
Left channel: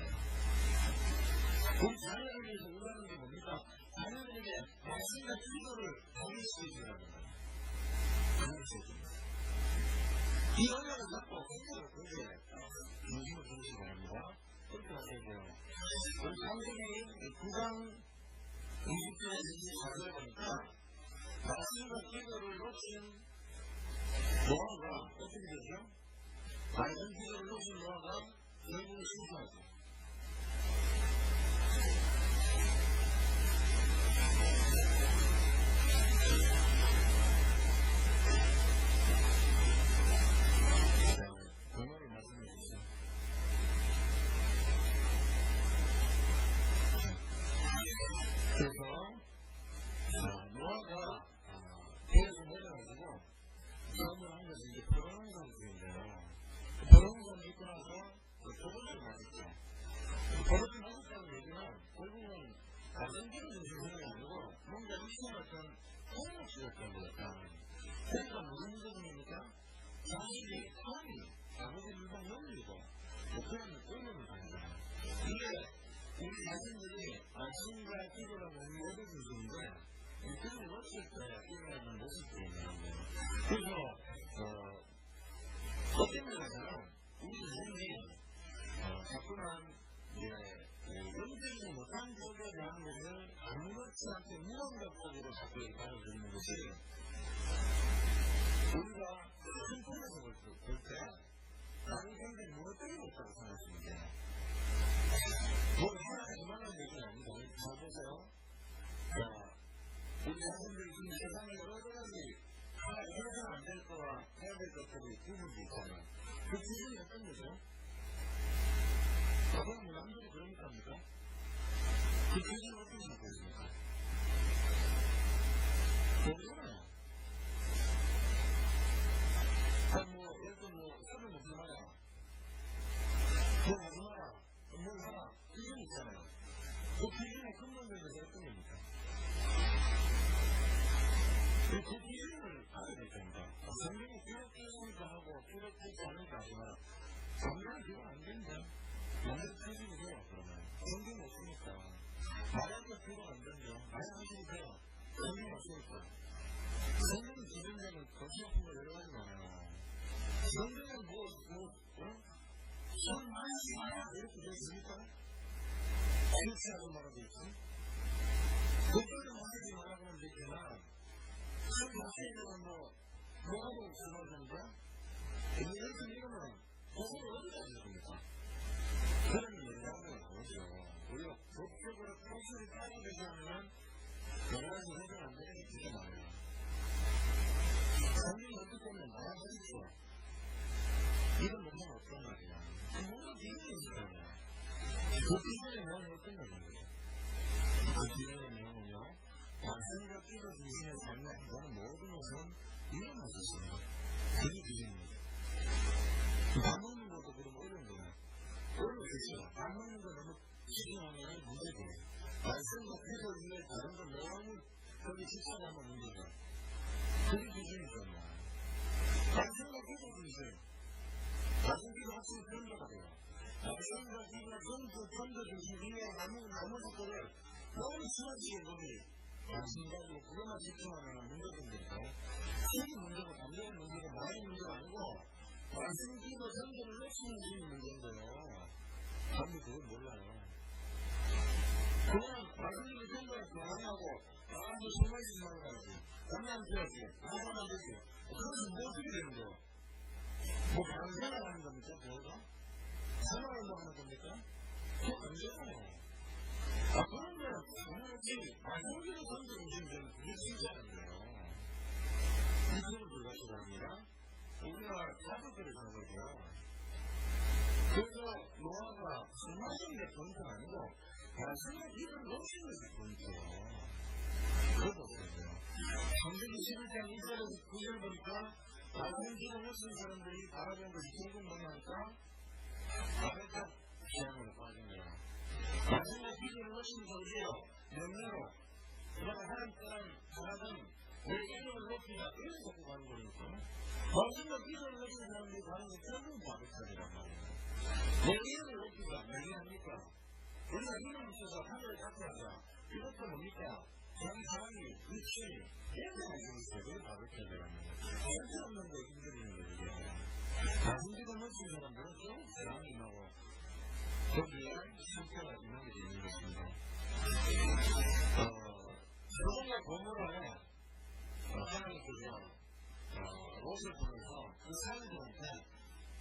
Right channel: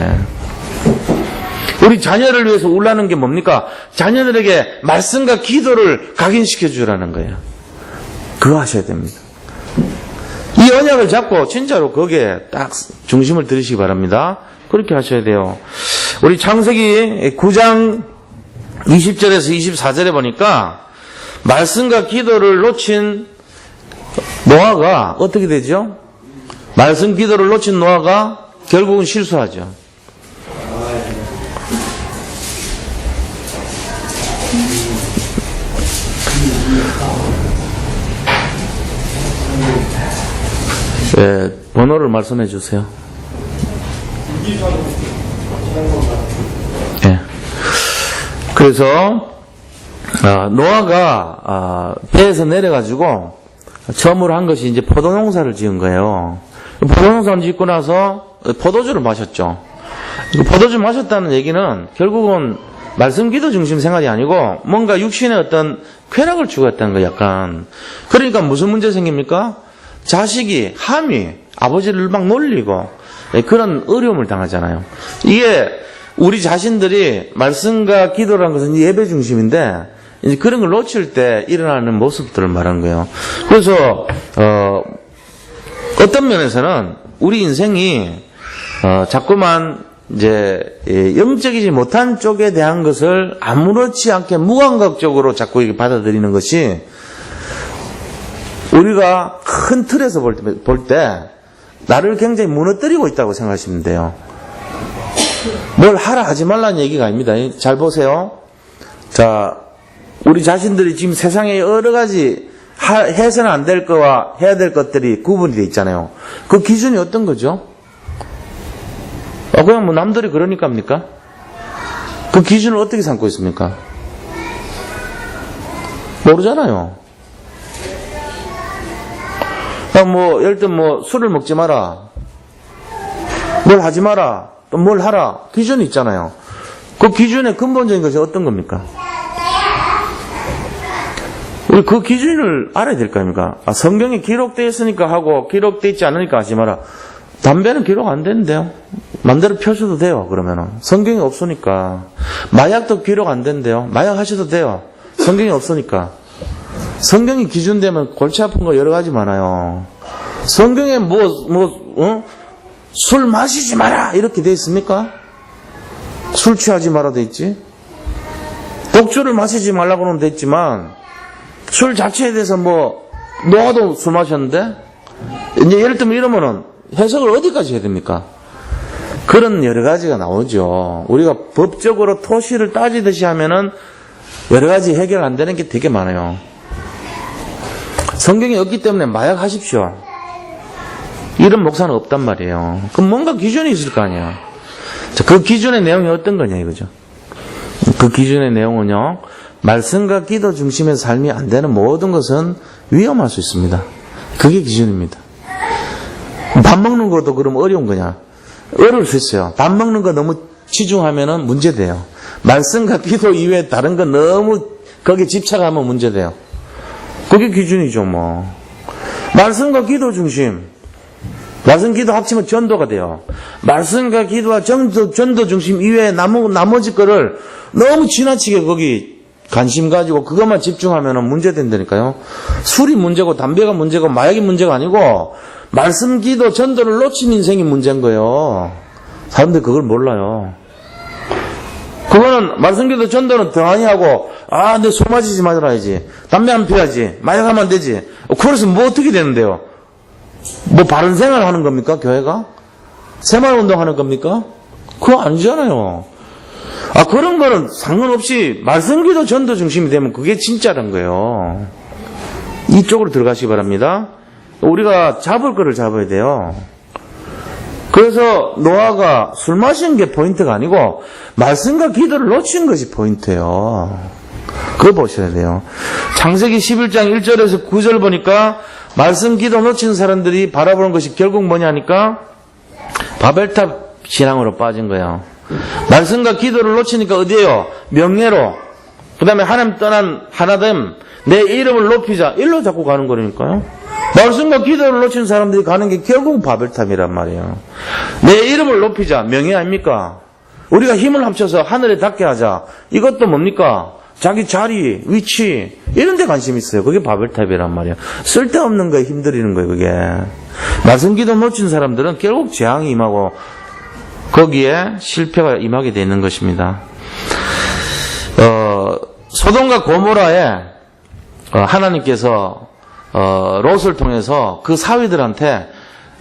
우리 자녀를 위해서 울라는 게 뭡니까? 자녀들에게 말씀과 기도를 각인시켜 주라는 거예요. 그거 하셔야 됩니다. 이 언약을 잡고 진짜로 거기에 딱 중심을 들이시기 바랍니다. 그렇게 하셔야 돼요. 우리 창세기 9장 20절에서 24절에 보니까 말씀과 기도를 놓친 노아가 어떻게 되죠? 말씀 기도를 놓친 노아가 결국은 실수하죠. 네, 번호를 말씀해 주세요. 네. 그래서 노아가 배에서 내려가지고 처음으로 한 것이 이제 포도농사를 지은 거예요. 포도농사를 짓고 나서 포도주를 마셨죠. 포도주 마셨다는 얘기는 결국은 말씀 기도 중심 생활이 아니고 뭔가 육신의 어떤 쾌락을 추구했다는 거예요. 약간. 그러니까 무슨 문제 생깁니까? 자식이 함이 아버지를 막 놀리고 그런 어려움을 당하잖아요. 이게 우리 자신들이 말씀과 기도라는 것은 예배 중심인데 이제 그런 걸 놓칠 때 일어나는 모습들을 말한 거예요. 그래서 어떤 면에서는 우리 인생이 자꾸만 이제 영적이지 못한 쪽에 대한 것을 아무렇지 않게 무감각적으로 자꾸 이렇게 받아들이는 것이 우리가 큰 틀에서 볼 때 나를 굉장히 무너뜨리고 있다고 생각하시면 돼요. 뭘 하라 하지 말라는 얘기가 아닙니다. 잘 보세요. 자, 우리 자신들이 지금 세상에 여러 가지 해서는 안 될 거와 해야 될 것들이 구분이 돼 있잖아요. 그 기준이 어떤 거죠? 그냥 뭐 남들이 그러니까 합니까? 그 기준을 어떻게 삼고 있습니까? 모르잖아요. 뭐, 예를 들면 뭐, 술을 먹지 마라. 뭘 하지 마라. 또 뭘 하라. 기준이 있잖아요. 그 기준의 근본적인 것이 어떤 겁니까? 우리 그 기준을 알아야 될 거 아닙니까? 성경에 기록되어 있으니까 하고, 기록되어 있지 않으니까 하지 마라. 담배는 기록 안 되는데요. 맘대로 펴셔도 돼요, 그러면은. 성경이 없으니까. 마약도 기록 안 된대요. 마약 하셔도 돼요. 성경이 없으니까. 성경이 기준되면 골치 아픈 거 여러 가지 많아요. 성경에 술 마시지 마라! 이렇게 돼 있습니까? 술 취하지 마라 돼 있지? 독주를 마시지 말라고는 돼 있지만, 술 자체에 대해서 노아도 술 마셨는데? 이제 예를 들면 이러면은 해석을 어디까지 해야 됩니까? 그런 여러 가지가 나오죠. 우리가 법적으로 토시를 따지듯이 하면은 여러 가지 해결 안 되는 게 되게 많아요. 성경이 없기 때문에 마약 하십시오. 이런 목사는 없단 말이에요. 그럼 뭔가 기준이 있을 거 아니에요. 자, 그 기준의 내용이 어떤 거냐 이거죠. 그 기준의 내용은요. 말씀과 기도 중심의 삶이 안 되는 모든 것은 위험할 수 있습니다. 그게 기준입니다. 밥 먹는 것도 그럼 어려운 거냐? 어려울 수 있어요. 밥 먹는 거 너무 치중하면은 문제돼요. 말씀과 기도 이외에 다른 거 너무 거기에 집착하면 문제돼요. 그게 기준이죠, 뭐. 말씀과 기도 중심. 말씀 기도 합치면 전도가 돼요. 말씀과 기도와 전도 중심 이외에 나머지 거를 너무 지나치게 거기 관심 가지고 그것만 집중하면 문제 된다니까요. 술이 문제고 담배가 문제고 마약이 문제가 아니고 말씀 기도 전도를 놓친 인생이 문제인 거예요. 사람들이 그걸 몰라요. 그거는 말씀 기도 전도는 등한히 하고 내 술 마시지 말아야지. 담배 안 피워야지. 마약하면 안 되지. 그래서 뭐 어떻게 되는데요? 뭐 바른 생활 하는 겁니까? 교회가? 새마을운동 하는 겁니까? 그거 아니잖아요. 그런 거는 상관없이 말씀기도 전도 중심이 되면 그게 진짜란 거예요. 이쪽으로 들어가시기 바랍니다. 우리가 잡을 거를 잡아야 돼요. 그래서 노아가 술 마시는 게 포인트가 아니고 말씀과 기도를 놓친 것이 포인트예요. 그거 보셔야 돼요. 창세기 11장 1절에서 9절 보니까 말씀 기도 놓친 사람들이 바라보는 것이 결국 뭐냐니까 바벨탑 신앙으로 빠진 거예요. 말씀과 기도를 놓치니까 어디에요? 명예로, 그 다음에 하나님 떠난 하나됨, 내 이름을 높이자, 일로 자꾸 가는 거라니까요. 말씀과 기도를 놓친 사람들이 가는 게 결국 바벨탑이란 말이에요. 내 이름을 높이자, 명예 아닙니까? 우리가 힘을 합쳐서 하늘에 닿게 하자, 이것도 뭡니까? 자기 자리, 위치, 이런 데 관심 있어요. 그게 바벨탑이란 말이에요. 쓸데없는 거에 힘들이는 거예요, 그게. 말씀 기도 놓친 사람들은 결국 재앙이 임하고 거기에 실패가 임하게 되는 것입니다. 소돔과 고모라에 하나님께서 롯을 통해서 그 사위들한테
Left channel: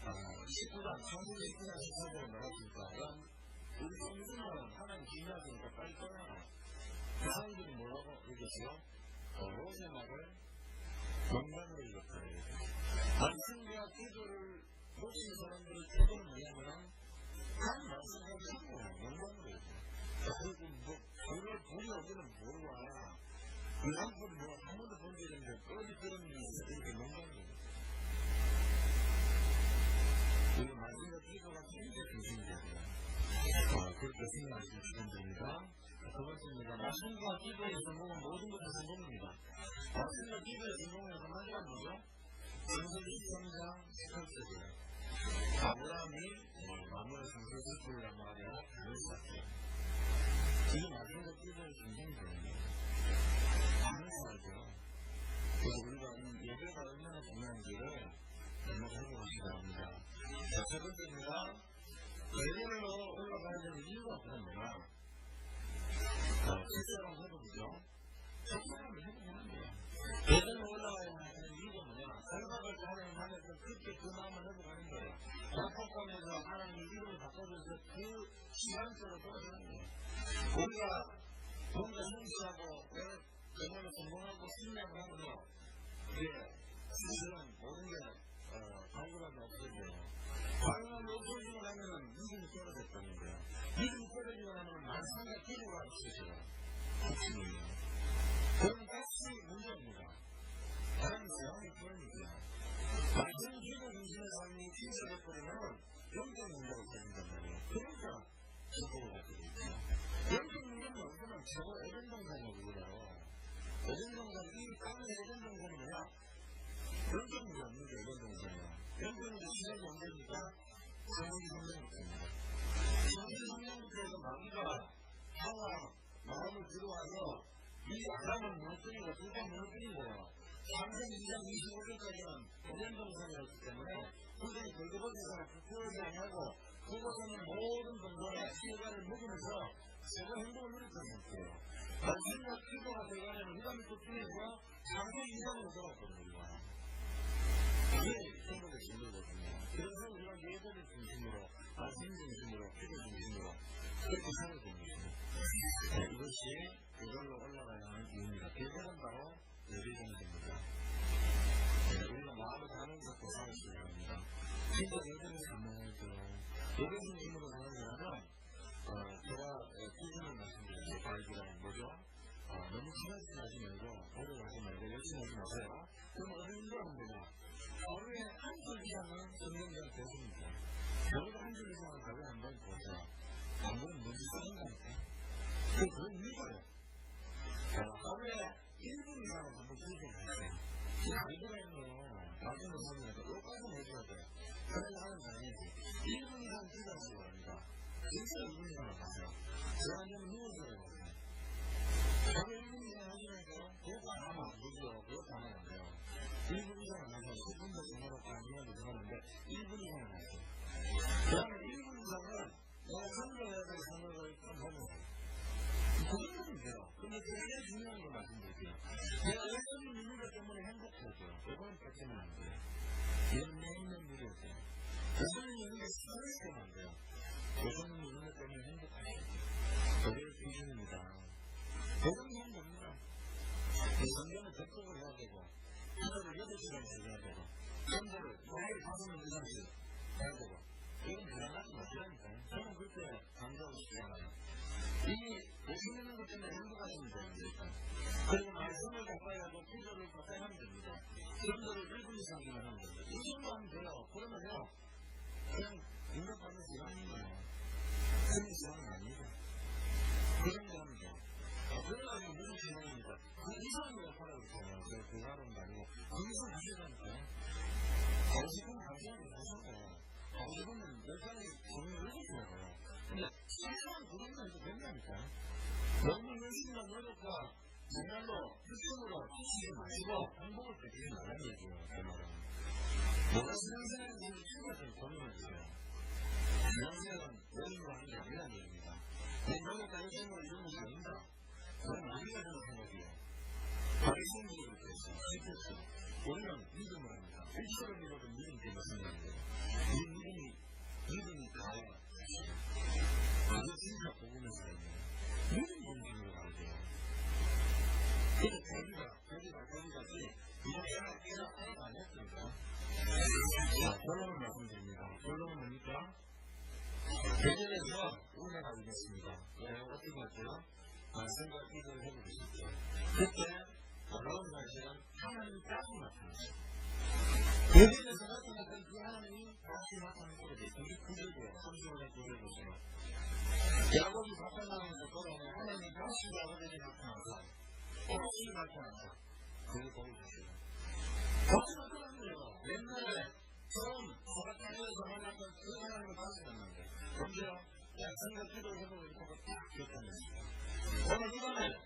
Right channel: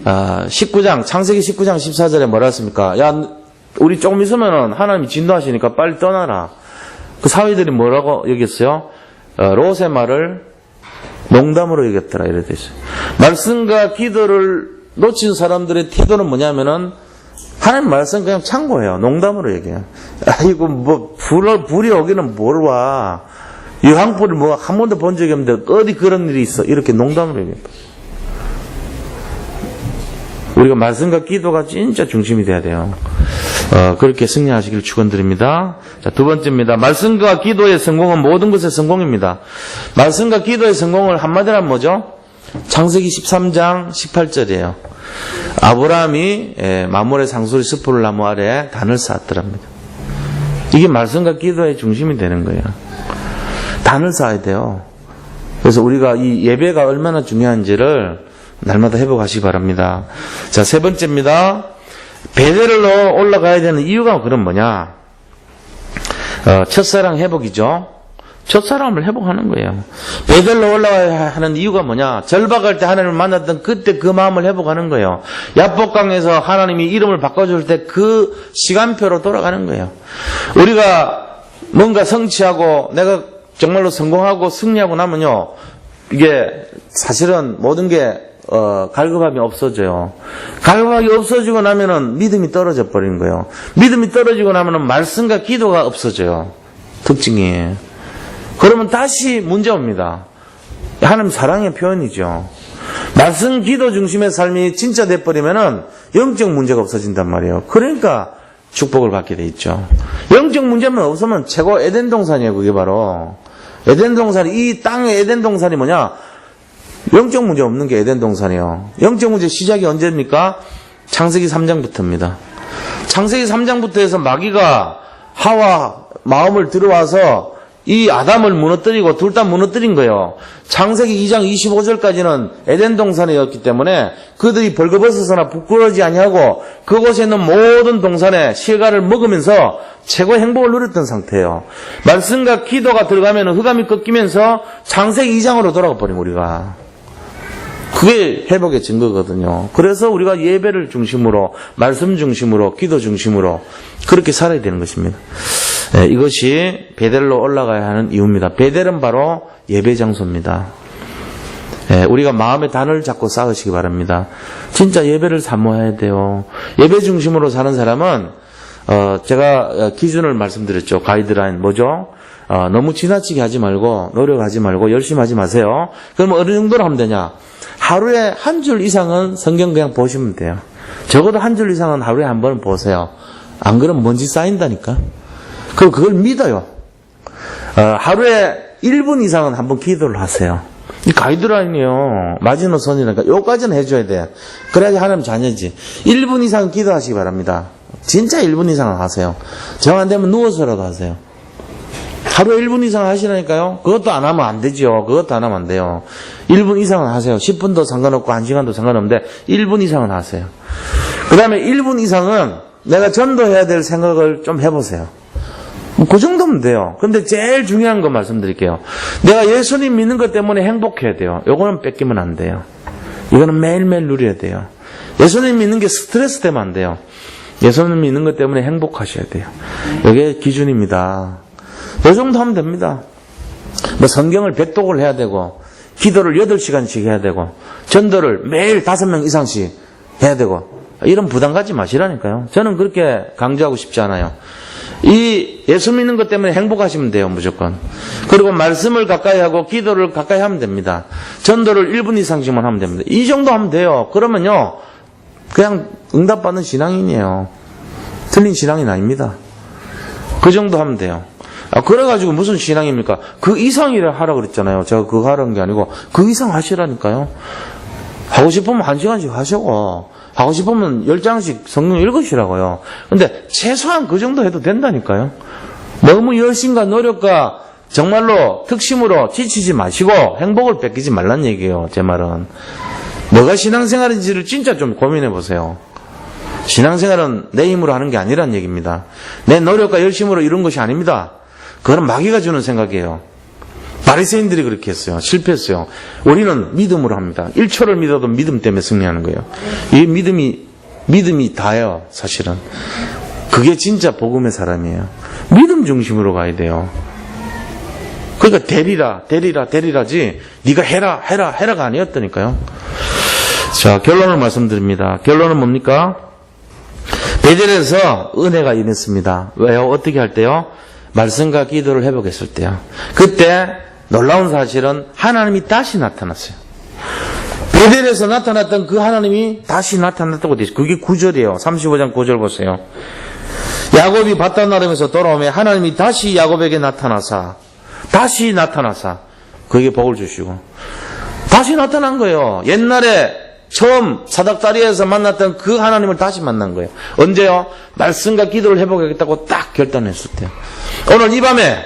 19장 창세기 19장 14절에 뭐라 했습니까? 야, 우리 조금 있으면은 하나님이 진노하시니까 빨리 떠나라. 그 사위들이 뭐라고 여겼어요? 롯의 말을 농담으로 여겼더라 이래 됐어요. 말씀과 기도를 놓친 사람들의 태도는 뭐냐면은 하나님 말씀 그냥 참고해요. 농담으로 얘기해요. 아이고 뭐 불이 오기는 뭘 와. 유황불을 뭐 한 번도 본 적이 없는데 어디 그런 일이 있어. 이렇게 농담으로 얘기해요. 우리가 말씀과 기도가 진짜 중심이 돼야 돼요. 그렇게 승리하시길 축원드립니다. 자, 두 번째입니다. 말씀과 기도의 성공은 모든 것의 성공입니다. 말씀과 기도의 성공을 한마디로 하면 뭐죠? 창세기 13장 18절이에요. 아브라함이 마므레 상수리 스프를 나무 아래 단을 쌓았더랍니다. 이게 말씀과 기도의 중심이 되는 거예요. 단을 쌓아야 돼요. 그래서 우리가 이 예배가 얼마나 중요한지를 날마다 회복하시기 바랍니다. 자, 세 번째입니다. 베델로 올라가야 되는 이유가 그럼 뭐냐? 첫사랑 회복이죠. 첫사랑을 회복하는 거예요. 베델로 올라가야 하는 이유가 뭐냐? 절박할 때 하나님을 만났던 그때 그 마음을 회복하는 거예요. 야복강에서 하나님이 이름을 바꿔줄 때 그 시간표로 돌아가는 거예요. 우리가 뭔가 성취하고 내가 정말로 성공하고 승리하고 나면요, 이게 사실은 모든 게 갈급함이 없어져요. 갈급함이 없어지고 나면은 믿음이 떨어져 버리는 거예요. 믿음이 떨어지고 나면은 말씀과 기도가 없어져요. 특징이. 그러면 다시 문제 옵니다. 하나님 사랑의 표현이죠. 말씀 기도 중심의 삶이 진짜 돼버리면은 영적 문제가 없어진단 말이에요. 그러니까 축복을 받게 돼 있죠. 영적 문제만 없으면 최고 에덴 동산이에요. 그게 바로 에덴 동산이, 이 땅의 에덴 동산이 뭐냐? 영적 문제 없는 게 에덴 동산이에요. 영적 문제 시작이 언제입니까? 창세기 3장부터입니다. 창세기 3장부터 해서 마귀가 하와 마음을 들어와서 이 아담을 무너뜨리고 둘 다 무너뜨린 거예요. 창세기 2장 25절까지는 에덴 동산이었기 때문에 그들이 벌거벗어서나 부끄러워하지 아니하고 그곳에 있는 모든 동산의 실과를 먹으면서 최고의 행복을 누렸던 상태예요. 말씀과 기도가 들어가면 흑암이 꺾이면서 창세기 2장으로 돌아가 버린 우리가. 그게 회복의 증거거든요. 그래서 우리가 예배를 중심으로, 말씀 중심으로, 기도 중심으로 그렇게 살아야 되는 것입니다. 이것이 베델로 올라가야 하는 이유입니다. 베델은 바로 예배 장소입니다. 우리가 마음의 단을 잡고 쌓으시기 바랍니다. 진짜 예배를 사모해야 돼요. 예배 중심으로 사는 사람은 제가 기준을 말씀드렸죠. 가이드라인 뭐죠? 너무 지나치게 하지 말고 노력하지 말고 열심히 하지 마세요. 그럼 어느 정도로 하면 되냐? 하루에 한 줄 이상은 성경 그냥 보시면 돼요. 적어도 한 줄 이상은 하루에 한 번은 보세요. 안 그러면 먼지 쌓인다니까. 그리고 그걸 믿어요. 하루에 1분 이상은 한번 기도를 하세요. 이 가이드라인이요. 마지노선이니까 요까지는 해줘야 돼. 그래야지 하나님 자녀지. 1분 이상 기도하시기 바랍니다. 진짜 1분 이상은 하세요. 정 안 되면 누워서라도 하세요. 하루에 1분 이상 하시라니까요. 그것도 안 하면 안 되죠. 그것도 안 하면 안 돼요. 1분 이상은 하세요. 10분도 상관없고 1시간도 상관없는데 1분 이상은 하세요. 그 다음에 1분 이상은 내가 전도해야 될 생각을 좀 해보세요. 그 정도면 돼요. 근데 제일 중요한 거 말씀드릴게요. 내가 예수님 믿는 것 때문에 행복해야 돼요. 요거는 뺏기면 안 돼요. 이거는 매일매일 누려야 돼요. 예수님 믿는 게 스트레스 되면 안 돼요. 예수님 믿는 것 때문에 행복하셔야 돼요. 이게 기준입니다. 이 정도 하면 됩니다. 뭐 성경을 100독을 해야 되고 기도를 8시간씩 해야 되고 전도를 매일 5명 이상씩 해야 되고 이런 부담 갖지 마시라니까요. 저는 그렇게 강조하고 싶지 않아요. 이 예수 믿는 것 때문에 행복하시면 돼요. 무조건. 그리고 말씀을 가까이 하고 기도를 가까이 하면 됩니다. 전도를 1분 이상씩만 하면 됩니다. 이 정도 하면 돼요. 그러면요 그냥 응답받는 신앙인이에요. 틀린 신앙인 아닙니다. 그 정도 하면 돼요. 그래가지고 무슨 신앙입니까? 그 이상이라 하라 그랬잖아요. 제가 그거 하라는 게 아니고 그 이상 하시라니까요. 하고 싶으면 1시간씩 하시고 하고 싶으면 10장씩 성경 읽으시라고요. 근데 최소한 그 정도 해도 된다니까요. 너무 열심과 노력과 정말로 특심으로 지치지 마시고 행복을 뺏기지 말란 얘기예요. 제 말은. 뭐가 신앙생활인지를 진짜 좀 고민해 보세요. 신앙생활은 내 힘으로 하는 게 아니란 얘기입니다. 내 노력과 열심으로 이룬 것이 아닙니다. 그건 마귀가 주는 생각이에요. 바리새인들이 그렇게 했어요. 실패했어요. 우리는 믿음으로 합니다. 1초를 믿어도 믿음 때문에 승리하는 거예요. 이 믿음이 다예요. 사실은. 그게 진짜 복음의 사람이에요. 믿음 중심으로 가야 돼요. 그러니까 대리라지 네가 해라가 아니었다니까요. 자, 결론을 말씀드립니다. 결론은 뭡니까? 베델에서 은혜가 임했습니다. 왜요? 어떻게 할 때요? 말씀과 기도를 회복했을 때요. 그때 놀라운 사실은 하나님이 다시 나타났어요. 베델에서 나타났던 그 하나님이 다시 나타났다고 되어 있어요. 그게 9절이에요. 35장 9절 보세요. 야곱이 바단 나름에서 돌아오면 하나님이 다시 야곱에게 나타나사 그에게 복을 주시고 다시 나타난 거예요. 옛날에 처음 사닥다리에서 만났던 그 하나님을 다시 만난 거예요. 언제요? 말씀과 기도를 회복하겠다고 딱 결단했을 때요. 오늘 이 밤에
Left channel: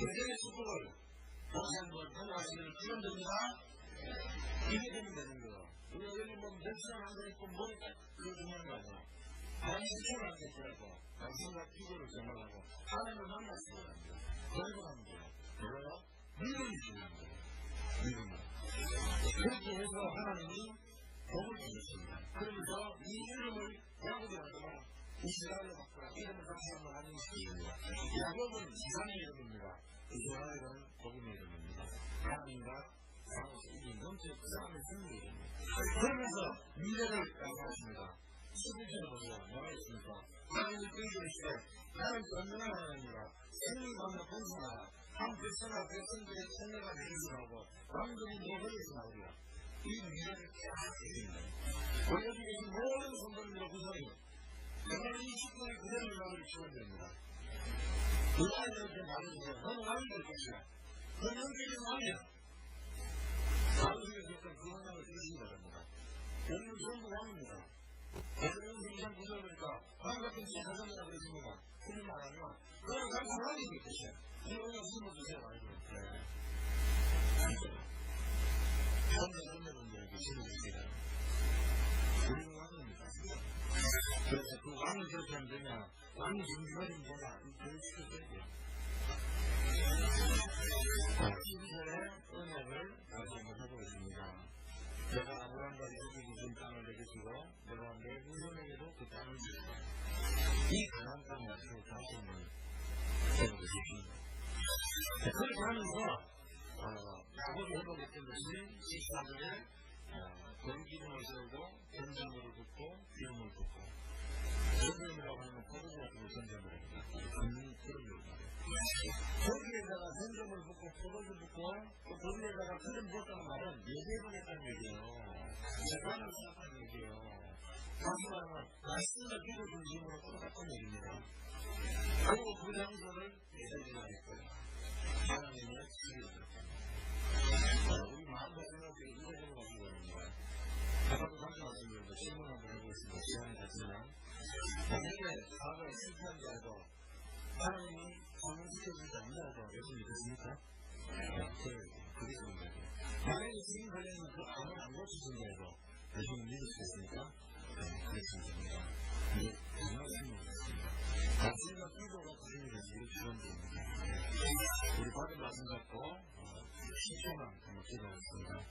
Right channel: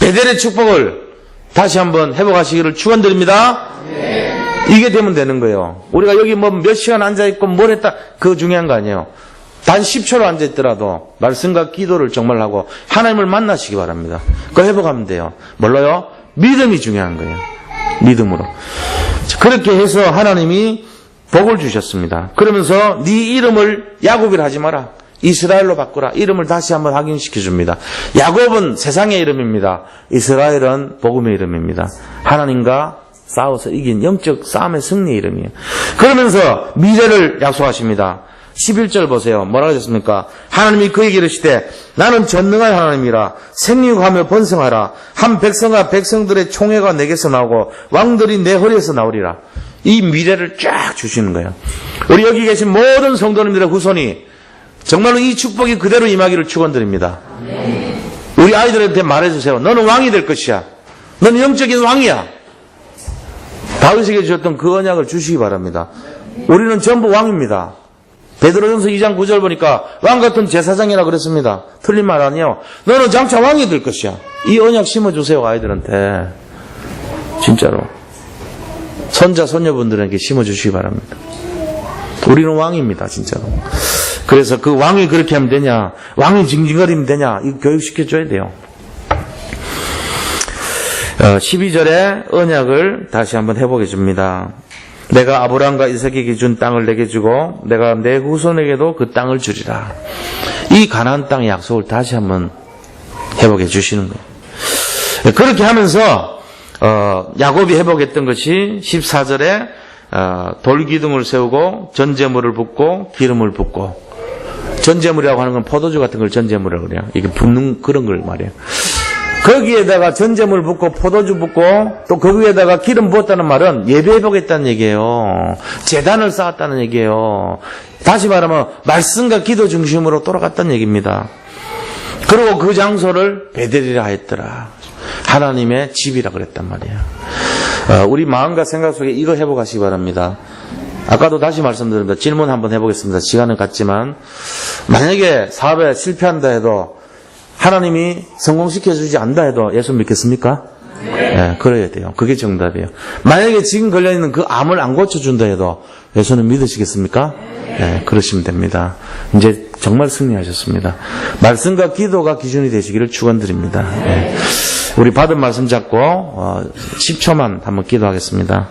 베델의 축복을 다시 한번 회복하시기를 축원드립니다. 네. 이게 되면 되는 거예요. 우리가 여기 뭐 몇 시간 앉아있고 뭘 했다 그거 중요한 거 아니에요. 단 10초로 앉아있더라도 말씀과 기도를 정말 하고 하나님을 만나시기 바랍니다. 그거 회복하면 돼요. 뭘로요? 믿음이 중요한 거예요. 믿음으로. 그렇게 해서 하나님이 복을 주셨습니다. 그러면서 네 이름을 야곱이라 하지 마라. 이스라엘로 바꾸라. 이름을 다시 한번 확인시켜 줍니다. 야곱은 세상의 이름입니다. 이스라엘은 복음의 이름입니다. 하나님과 싸워서 이긴 영적 싸움의 승리의 이름이에요. 그러면서 미래를 약속하십니다. 11절 보세요. 뭐라고 하셨습니까? 하나님이 그에게 이르시되 나는 전능한 하나님이라 생육하며 번성하라. 한 백성과 백성들의 총회가 내게서 나오고 왕들이 내 허리에서 나오리라. 이 미래를 쫙 주시는 거예요. 우리 여기 계신 모든 성도님들의 후손이 정말로 이 축복이 그대로 임하기를 축원드립니다. 우리 아이들한테 말해주세요. 너는 왕이 될 것이야. 너는 영적인 왕이야. 다윗에게 주셨던 그 언약을 주시기 바랍니다. 우리는 전부 왕입니다. 베드로전서 2장 9절 보니까 왕 같은 제사장이라 그랬습니다. 틀린 말 아니에요. 너는 장차 왕이 될 것이야. 이 언약 심어주세요. 아이들한테. 진짜로. 손자 손녀분들에게 심어주시기 바랍니다. 우리는 왕입니다. 진짜로. 그래서 그 왕이 그렇게 하면 되냐, 왕이 징징거리면 되냐, 이거 교육시켜줘야 돼요. 12절에 언약을 다시 한번 해보게 줍니다. 내가 아브라함과 이삭에게 준 땅을 내게 주고 내가 내 후손에게도 그 땅을 주리라. 이 가나안 땅의 약속을 다시 한번 회복해 주시는 거예요. 그렇게 하면서 야곱이 회복했던 것이 14절에 돌기둥을 세우고 전제물을 붓고 기름을 붓고, 전제물이라고 하는 건 포도주 같은 걸 전제물이라고 그래요. 이게 붓는 그런 걸 말이에요. 거기에다가 전제물 붓고 포도주 붓고 또 거기에다가 기름 부었다는 말은 예배해보겠다는 얘기예요. 제단을 쌓았다는 얘기예요. 다시 말하면 말씀과 기도 중심으로 돌아갔다는 얘기입니다. 그리고 그 장소를 베델이라 했더라. 하나님의 집이라 그랬단 말이에요. 우리 마음과 생각 속에 이거 회복하시기 바랍니다. 아까도 다시 말씀드립니다. 질문 한번 해보겠습니다. 시간은 같지만 만약에 사업에 실패한다 해도 하나님이 성공시켜주지 않다 해도 예수 믿겠습니까? 네, 그래야 돼요. 그게 정답이에요. 만약에 지금 걸려있는 그 암을 안 고쳐준다 해도 예수는 믿으시겠습니까? 네, 그러시면 됩니다. 이제 정말 승리하셨습니다. 말씀과 기도가 기준이 되시기를 축원드립니다. 네. 우리 받은 말씀 잡고 10초만 한번 기도하겠습니다.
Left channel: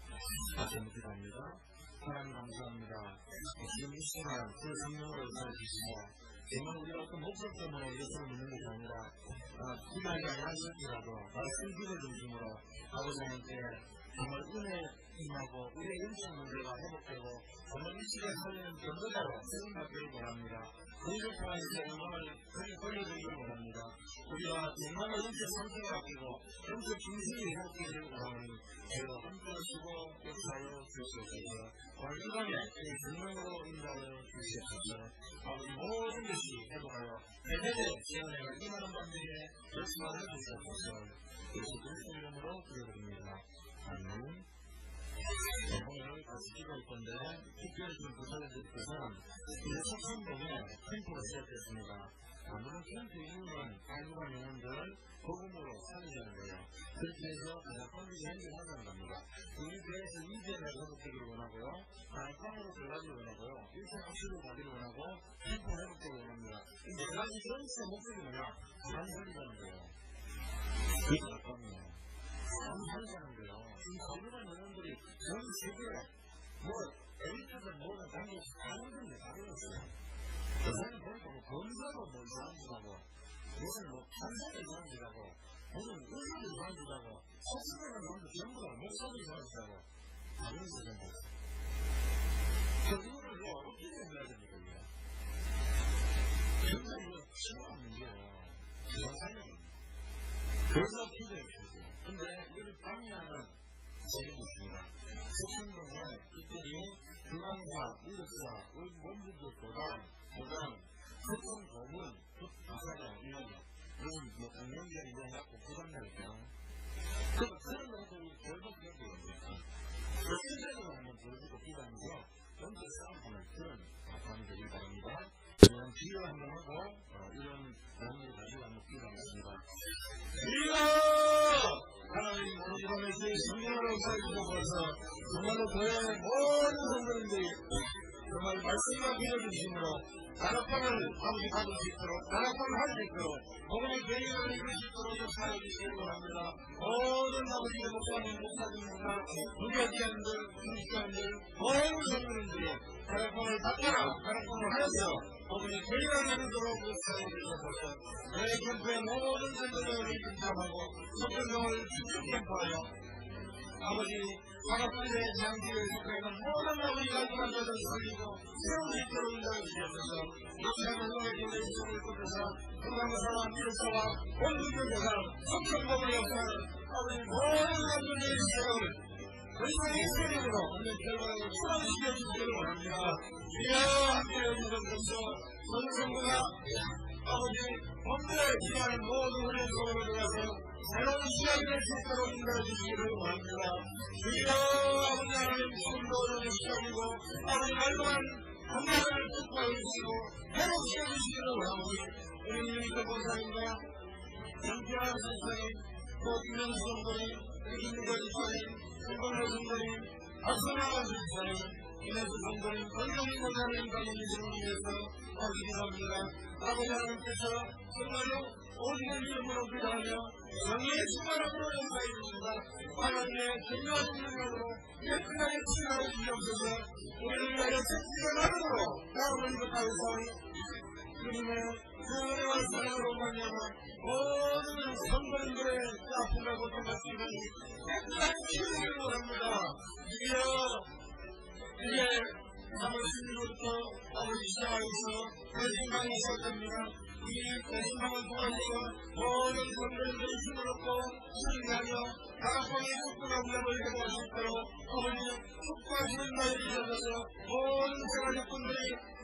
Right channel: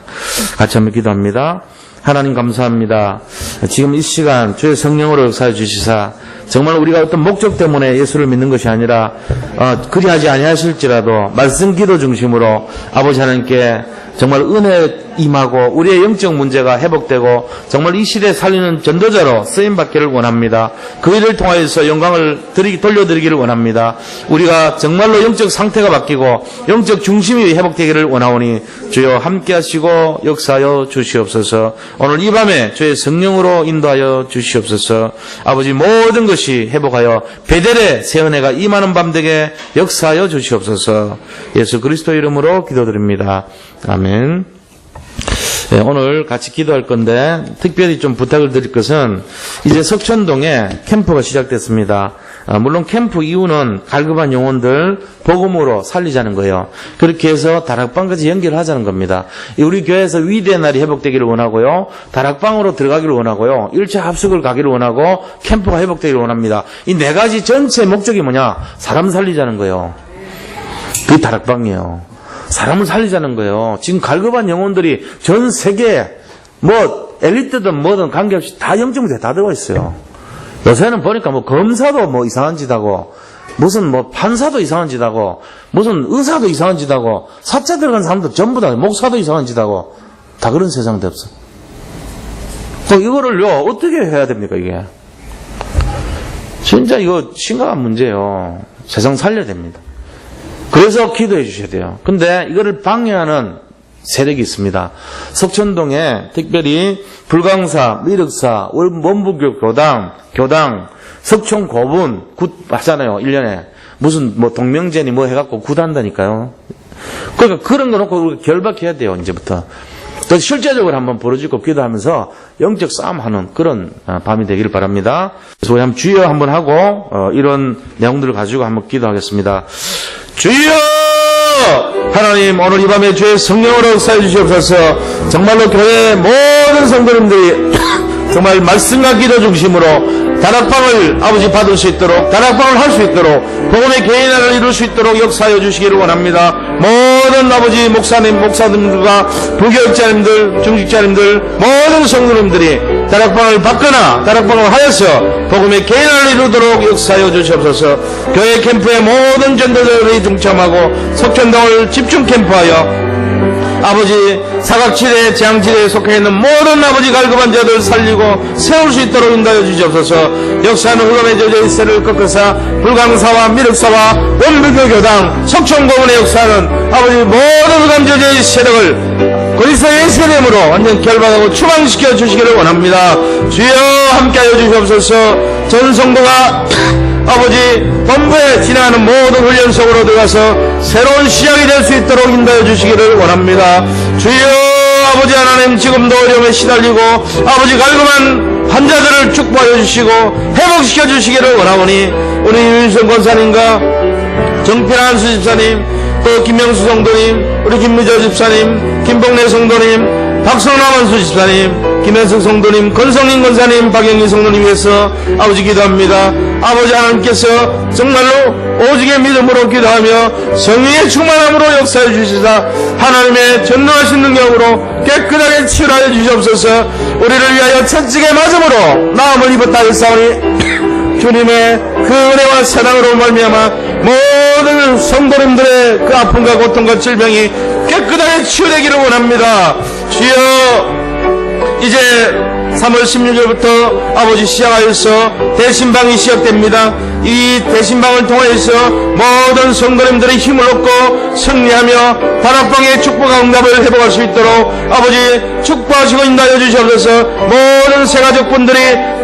같이 한번 기도합니다. 하나님 감사합니다. 지금 이 시간 주의 성령으로 역사해 주시사 정말 우리가 어떤 목적 때문에 예수를 믿는 것이 아니라 그리하지 아니하실지라도 말씀 기도 중심으로 아버지 하나님께 정말 은혜 임하고 우리의 영적 문제가 회복되고 정말 이 시대에 살리는 전도자로 쓰임받기를 원합니다. 그 일을 통하여서 영광을 돌려드리기를 원합니다. 우리가 정말로 영적 상태가 바뀌고 영적 중심이 회복되기를 원하오니 주여 함께하시고 역사하여 주시옵소서. 오늘 이 밤에 주의 성령으로 인도하여 주시옵소서. 아버지 모든 것이 회복하여 베델의 새 은혜가 임하는 밤 되게 역사하여 주시옵소서. 예수 그리스도 이름으로 기도드립니다. 아멘. 네, 오늘 같이 기도할 건데 특별히 좀 부탁을 드릴 것은 이제 석천동에 캠프가 시작됐습니다. 물론 캠프 이유는 갈급한 영혼들 복음으로 살리자는 거예요. 그렇게 해서 다락방까지 연결하자는 겁니다. 우리 교회에서 위대의 날이 회복되기를 원하고요. 다락방으로 들어가기를 원하고요. 일체 합숙을 가기를 원하고 캠프가 회복되기를 원합니다. 이 네 가지 전체 목적이 뭐냐? 사람 살리자는 거예요. 그게 다락방이에요. 사람을 살리자는 거예요. 지금 갈급한 영혼들이 전 세계에 뭐 엘리트든 뭐든 관계없이 다 영적문제 다 들어가 있어요. 요새는 보니까 뭐 검사도 뭐 이상한 짓 하고 무슨 뭐 판사도 이상한 짓 하고 무슨 의사도 이상한 짓 하고 사자 들어간 사람도 전부 다 목사도 이상한 짓 하고 다 그런 세상 됐어. 또 이거를요 어떻게 해야 됩니까 이게? 진짜 이거 심각한 문제예요. 세상 살려야 됩니다. 그래서 기도해 주셔야 돼요. 근데 이거를 방해하는 세력이 있습니다. 석천동에 특별히 불광사, 미륵사, 원부교 교당, 석촌 고분 하잖아요. 1년에. 무슨 뭐 동명제니 뭐 해갖고 굿한다니까요. 그러니까 그런 거 놓고 우리가 결박해야 돼요. 이제부터. 또 실제적으로 한번 벌어지고 기도하면서 영적 싸움하는 그런 밤이 되기를 바랍니다. 그래서 우리 한번 주여 한번 하고 이런 내용들을 가지고 한번 기도하겠습니다. 주여! 하나님 오늘 이 밤에 주의 성령으로 역사해 주시옵소서. 정말로 교회의 모든 성도님들이 정말 말씀과 기도 중심으로 다락방을 아버지 받을 수 있도록 다락방을 할 수 있도록 복음의 개인화를 이룰 수 있도록 역사하여 주시기를 원합니다. 모든 아버지 목사님들과 부교육자님들 중직자님들 모든 성도님들이 다락방을 받거나 다락방을 하여서 복음의 개인화를 이루도록 역사하여 주시옵소서. 교회 캠프의 모든 전도자들이 동참하고 석천동을 집중 캠프하여 아버지 사각지대 재앙지대에 속해있는 모든 아버지 갈급한 자들 살리고 세울 수 있도록 인도하여 주시옵소서. 역사는 흑암의 저주의 세를 꺾으사 불광사와 미륵사와 원불교 교당 석촌고문의 역사는 아버지 모든 흑암 저주의 세력을 그리스도의 세례임으로 완전 결박하고 추방시켜 주시기를 원합니다. 주여 함께하여 주시옵소서. 전 성도가 아버지 본부에 진행하는 모든 훈련 속으로 들어가서 새로운 시작이 될 수 있도록 인도해 주시기를 원합니다. 주여 아버지 하나님 지금도 어려움에 시달리고 아버지 갈급한 환자들을 축복하여 주시고 회복시켜 주시기를 원하오니 우리 유인성 권사님과 정필한 수집사님 또 김명수 성도님 우리 김미저 집사님 김봉래 성도님 박성남원 수집사님 김현석 성도님 권성인 권사님 박영희 성도님께서 아버지 기도합니다. 아버지 하나님께서 정말로 오직의 믿음으로 기도하며 성령의 충만함으로 역사해 주시사 하나님의 전능하신 능력으로 깨끗하게 치유하여 주시옵소서. 우리를 위하여 채찍의 맞음으로 나음을 입었다 했사오니 주님의 그 은혜와 사랑으로 말미암아 모든 성도님들의 그 아픔과 고통과 질병이 깨끗하게 치유되기를 원합니다. 주여 이제 3월 16일부터 아버지 시작하여서 대신방이 시작됩니다. 이 대신방을 통해서 모든 성도님들의 힘을 얻고 승리하며 다락방의 축복과 응답을 회복할 수 있도록 아버지 축복하시고 인도하여 주시옵소서. 모든 새가족분들이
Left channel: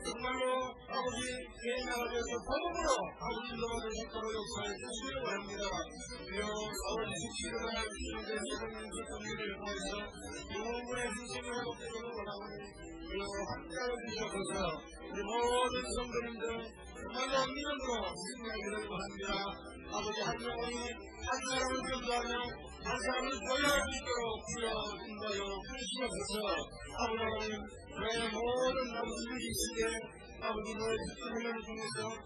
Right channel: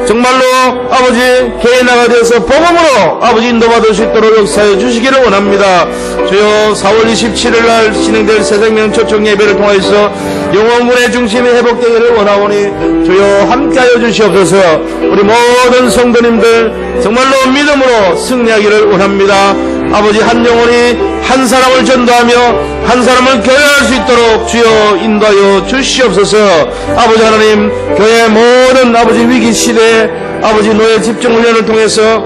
정말로 아버지 개인화가 되어서 복음으로 아버지 인도받을 수 있도록 역사해 주시기를 원합니다. 주여 4월 27일 날 진행될 새생명 초청 예배를 통해서 영혼군의 중심이 회복되기를 원하오니 주여 함께하여 주시옵소서. 우리 모든 성도님들 정말로 믿음으로 승리하기를 원합니다. 아버지 한 영혼이 한 사람을 전도하며 한 사람을 교회할 수 있도록 주여 인도하여 주시옵소서. 아버지 하나님 교회 모든 아버지 위기시대 아버지 노예 집중훈련을 통해서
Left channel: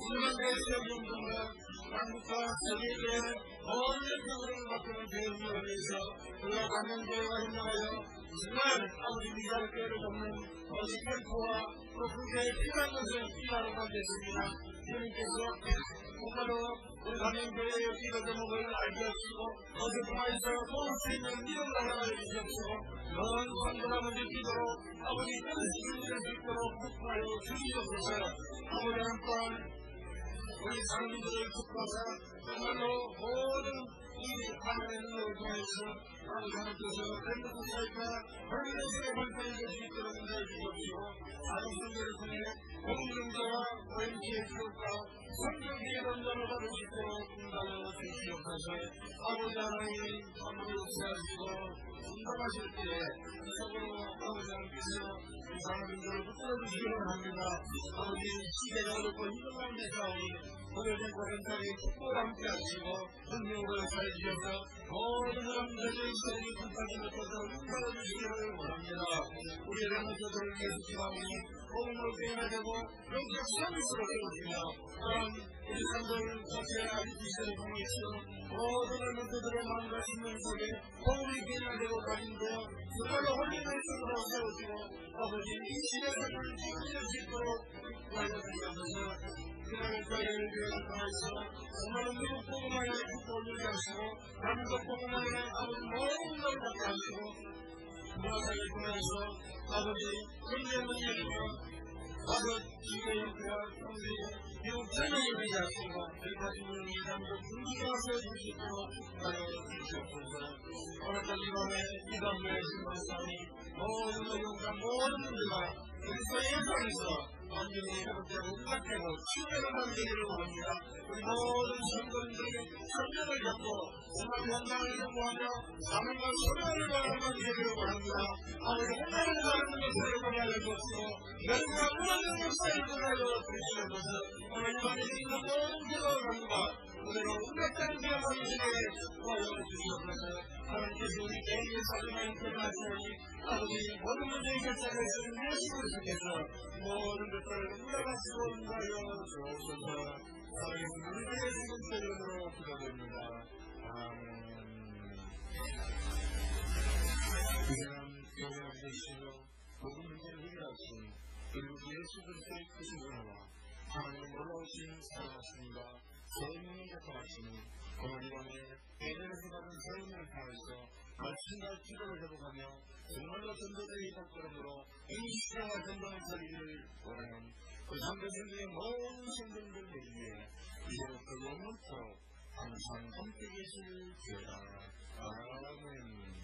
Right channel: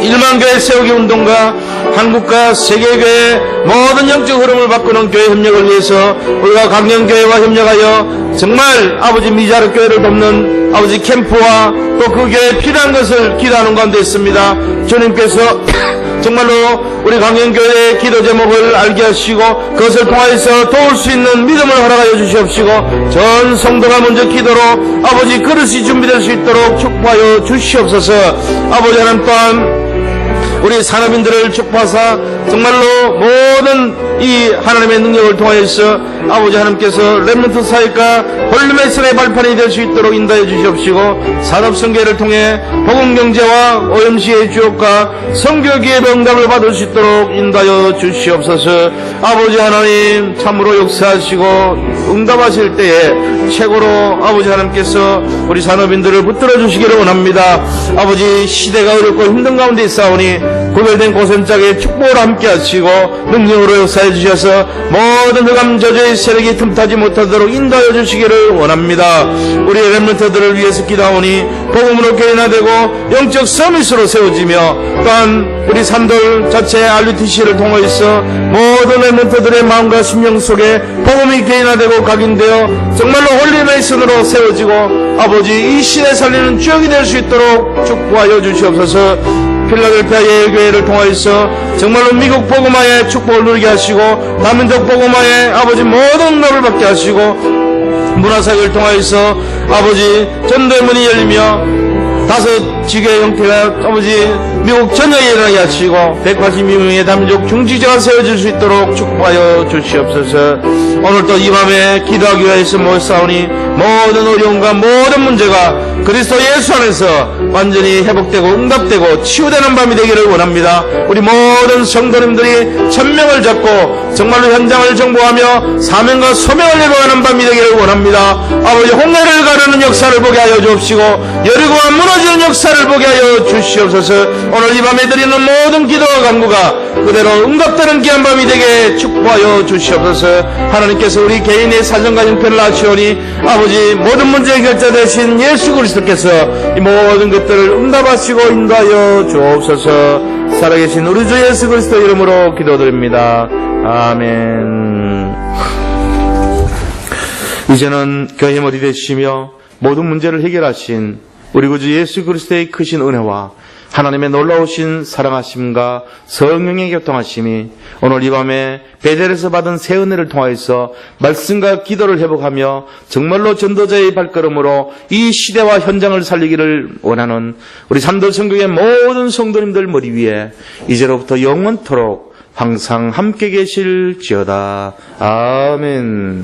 1만 교회 세우기 운동과 한국과 세계교회 모든 영적 흐름을 바꾸는 교회 협력을 위해서 우리가 강령교회와 협력하여 정말 아버지 미자르 교회를 돕는 아버지 캠프와 또 그 교회에 필요한 것을 기도하는 가운데 있습니다. 주님께서 정말로 우리 강령교회의 기도 제목을 알게 하시고 그것을 통하여서 도울 수 있는 믿음을 허락하여 주시옵시고 전 성도가 먼저 기도로 아버지 그릇이 준비될 수 있도록 축복하여 주시옵소서. 아버지 하나님 또한 우리 산업인들을 축복하사 정말로 모든 이 하나님의 능력을 통하여서 아버지 하나님께서 렘넌트 사역과 홀리메슨의 발판이 될 수 있도록 인도해 주시옵시고 산업성계를 통해 복음경제와 OMC의 주역과 성교기의 응답을 받을 수 있도록 인도하여 주시옵소서. 아버지 하나님 참으로 역사하시고 응답하실 때에 최고로 아버지 하나님께서 우리 산업인들을 붙들어 주시기를 원합니다. 아버지 시대가 어렵고 힘든 가운데 있사오니 구별된 고센짝에 축복을 함께 하시고 능력으로 역사해 주셔서 모든 흑암 저주의 세력이 틈타지 못하도록 인도하여 주시기를 원합니다. 우리 렘넌트들을 위해서 기도하오니 복음으로 개인화되고 영적 서밋으로 세워지며 또한 우리 산돌 자체 RUTC를 통해서 모든 렘넌트들의 마음과 심령 속에 복음이 개인화되고 각인되어 정말로 홀리메이슨으로 세워지고 아버지 이 시대 살리는 주역이 될 수 있도록 축복하여 주시옵소서. 필라델피아 예교회를 통하여서 정말로 미국 복음화의 축복을 누리게 하시고 남민족 복음화의 아버지 모든 응답을 받게 하시고 문화사역을 통하여서 아버지 전도의 문이 열리며 5 지교의 형태가 아버지 미국 전역에 일어나게 하시고 182명의 남민족 중지자가 세워질 수 있도록 축복하여 주시옵소서. 오늘도 이 밤에 기도하기 위해서 모였사오니 모든 어려움과 모든 문제가 그리스도 예수 안에서 완전히 회복되고 응답되고 치유되는 밤이 되기를 원합니다. 우리 모든 성도님들이 천명을 잡고 정말로 현장을 정보하며 사명과 소명을 이루어가는 밤이 되기를 원합니다. 아버지 홍해를 가르는 역사를 보게 하여 주옵시고 여리고가 무너지는 역사를 보게 하여 주시옵소서. 오늘 이 밤에 드리는 모든 기도와 간구가 그대로 응답되는 귀한 밤이 되게 축복하여 주시옵소서. 하나님께서 우리 개인의 사정과 형편을 아시오니 아버지 모든 문제의 결자 되신 예수 그리스도께서 이 모든 것들을 응답하시고 인도하여 주옵소서. 살아계신 우리 주 예수 그리스도 이름으로 기도드립니다. 아멘. 이제는 교회 머리 되시며 모든 문제를 해결하신 우리 구주 예수 그리스도의 크신 은혜와 하나님의 놀라우신 사랑하심과 성령의 교통하심이 오늘 이 밤에 베델에서 받은 새 은혜를 통하여서 말씀과 기도를 회복하며 정말로 전도자의 발걸음으로 이 시대와 현장을 살리기를 원하는 우리 산도 성교의 모든 성도님들 머리 위에 이제로부터 영원토록 항상 함께 계실지어다. 아멘.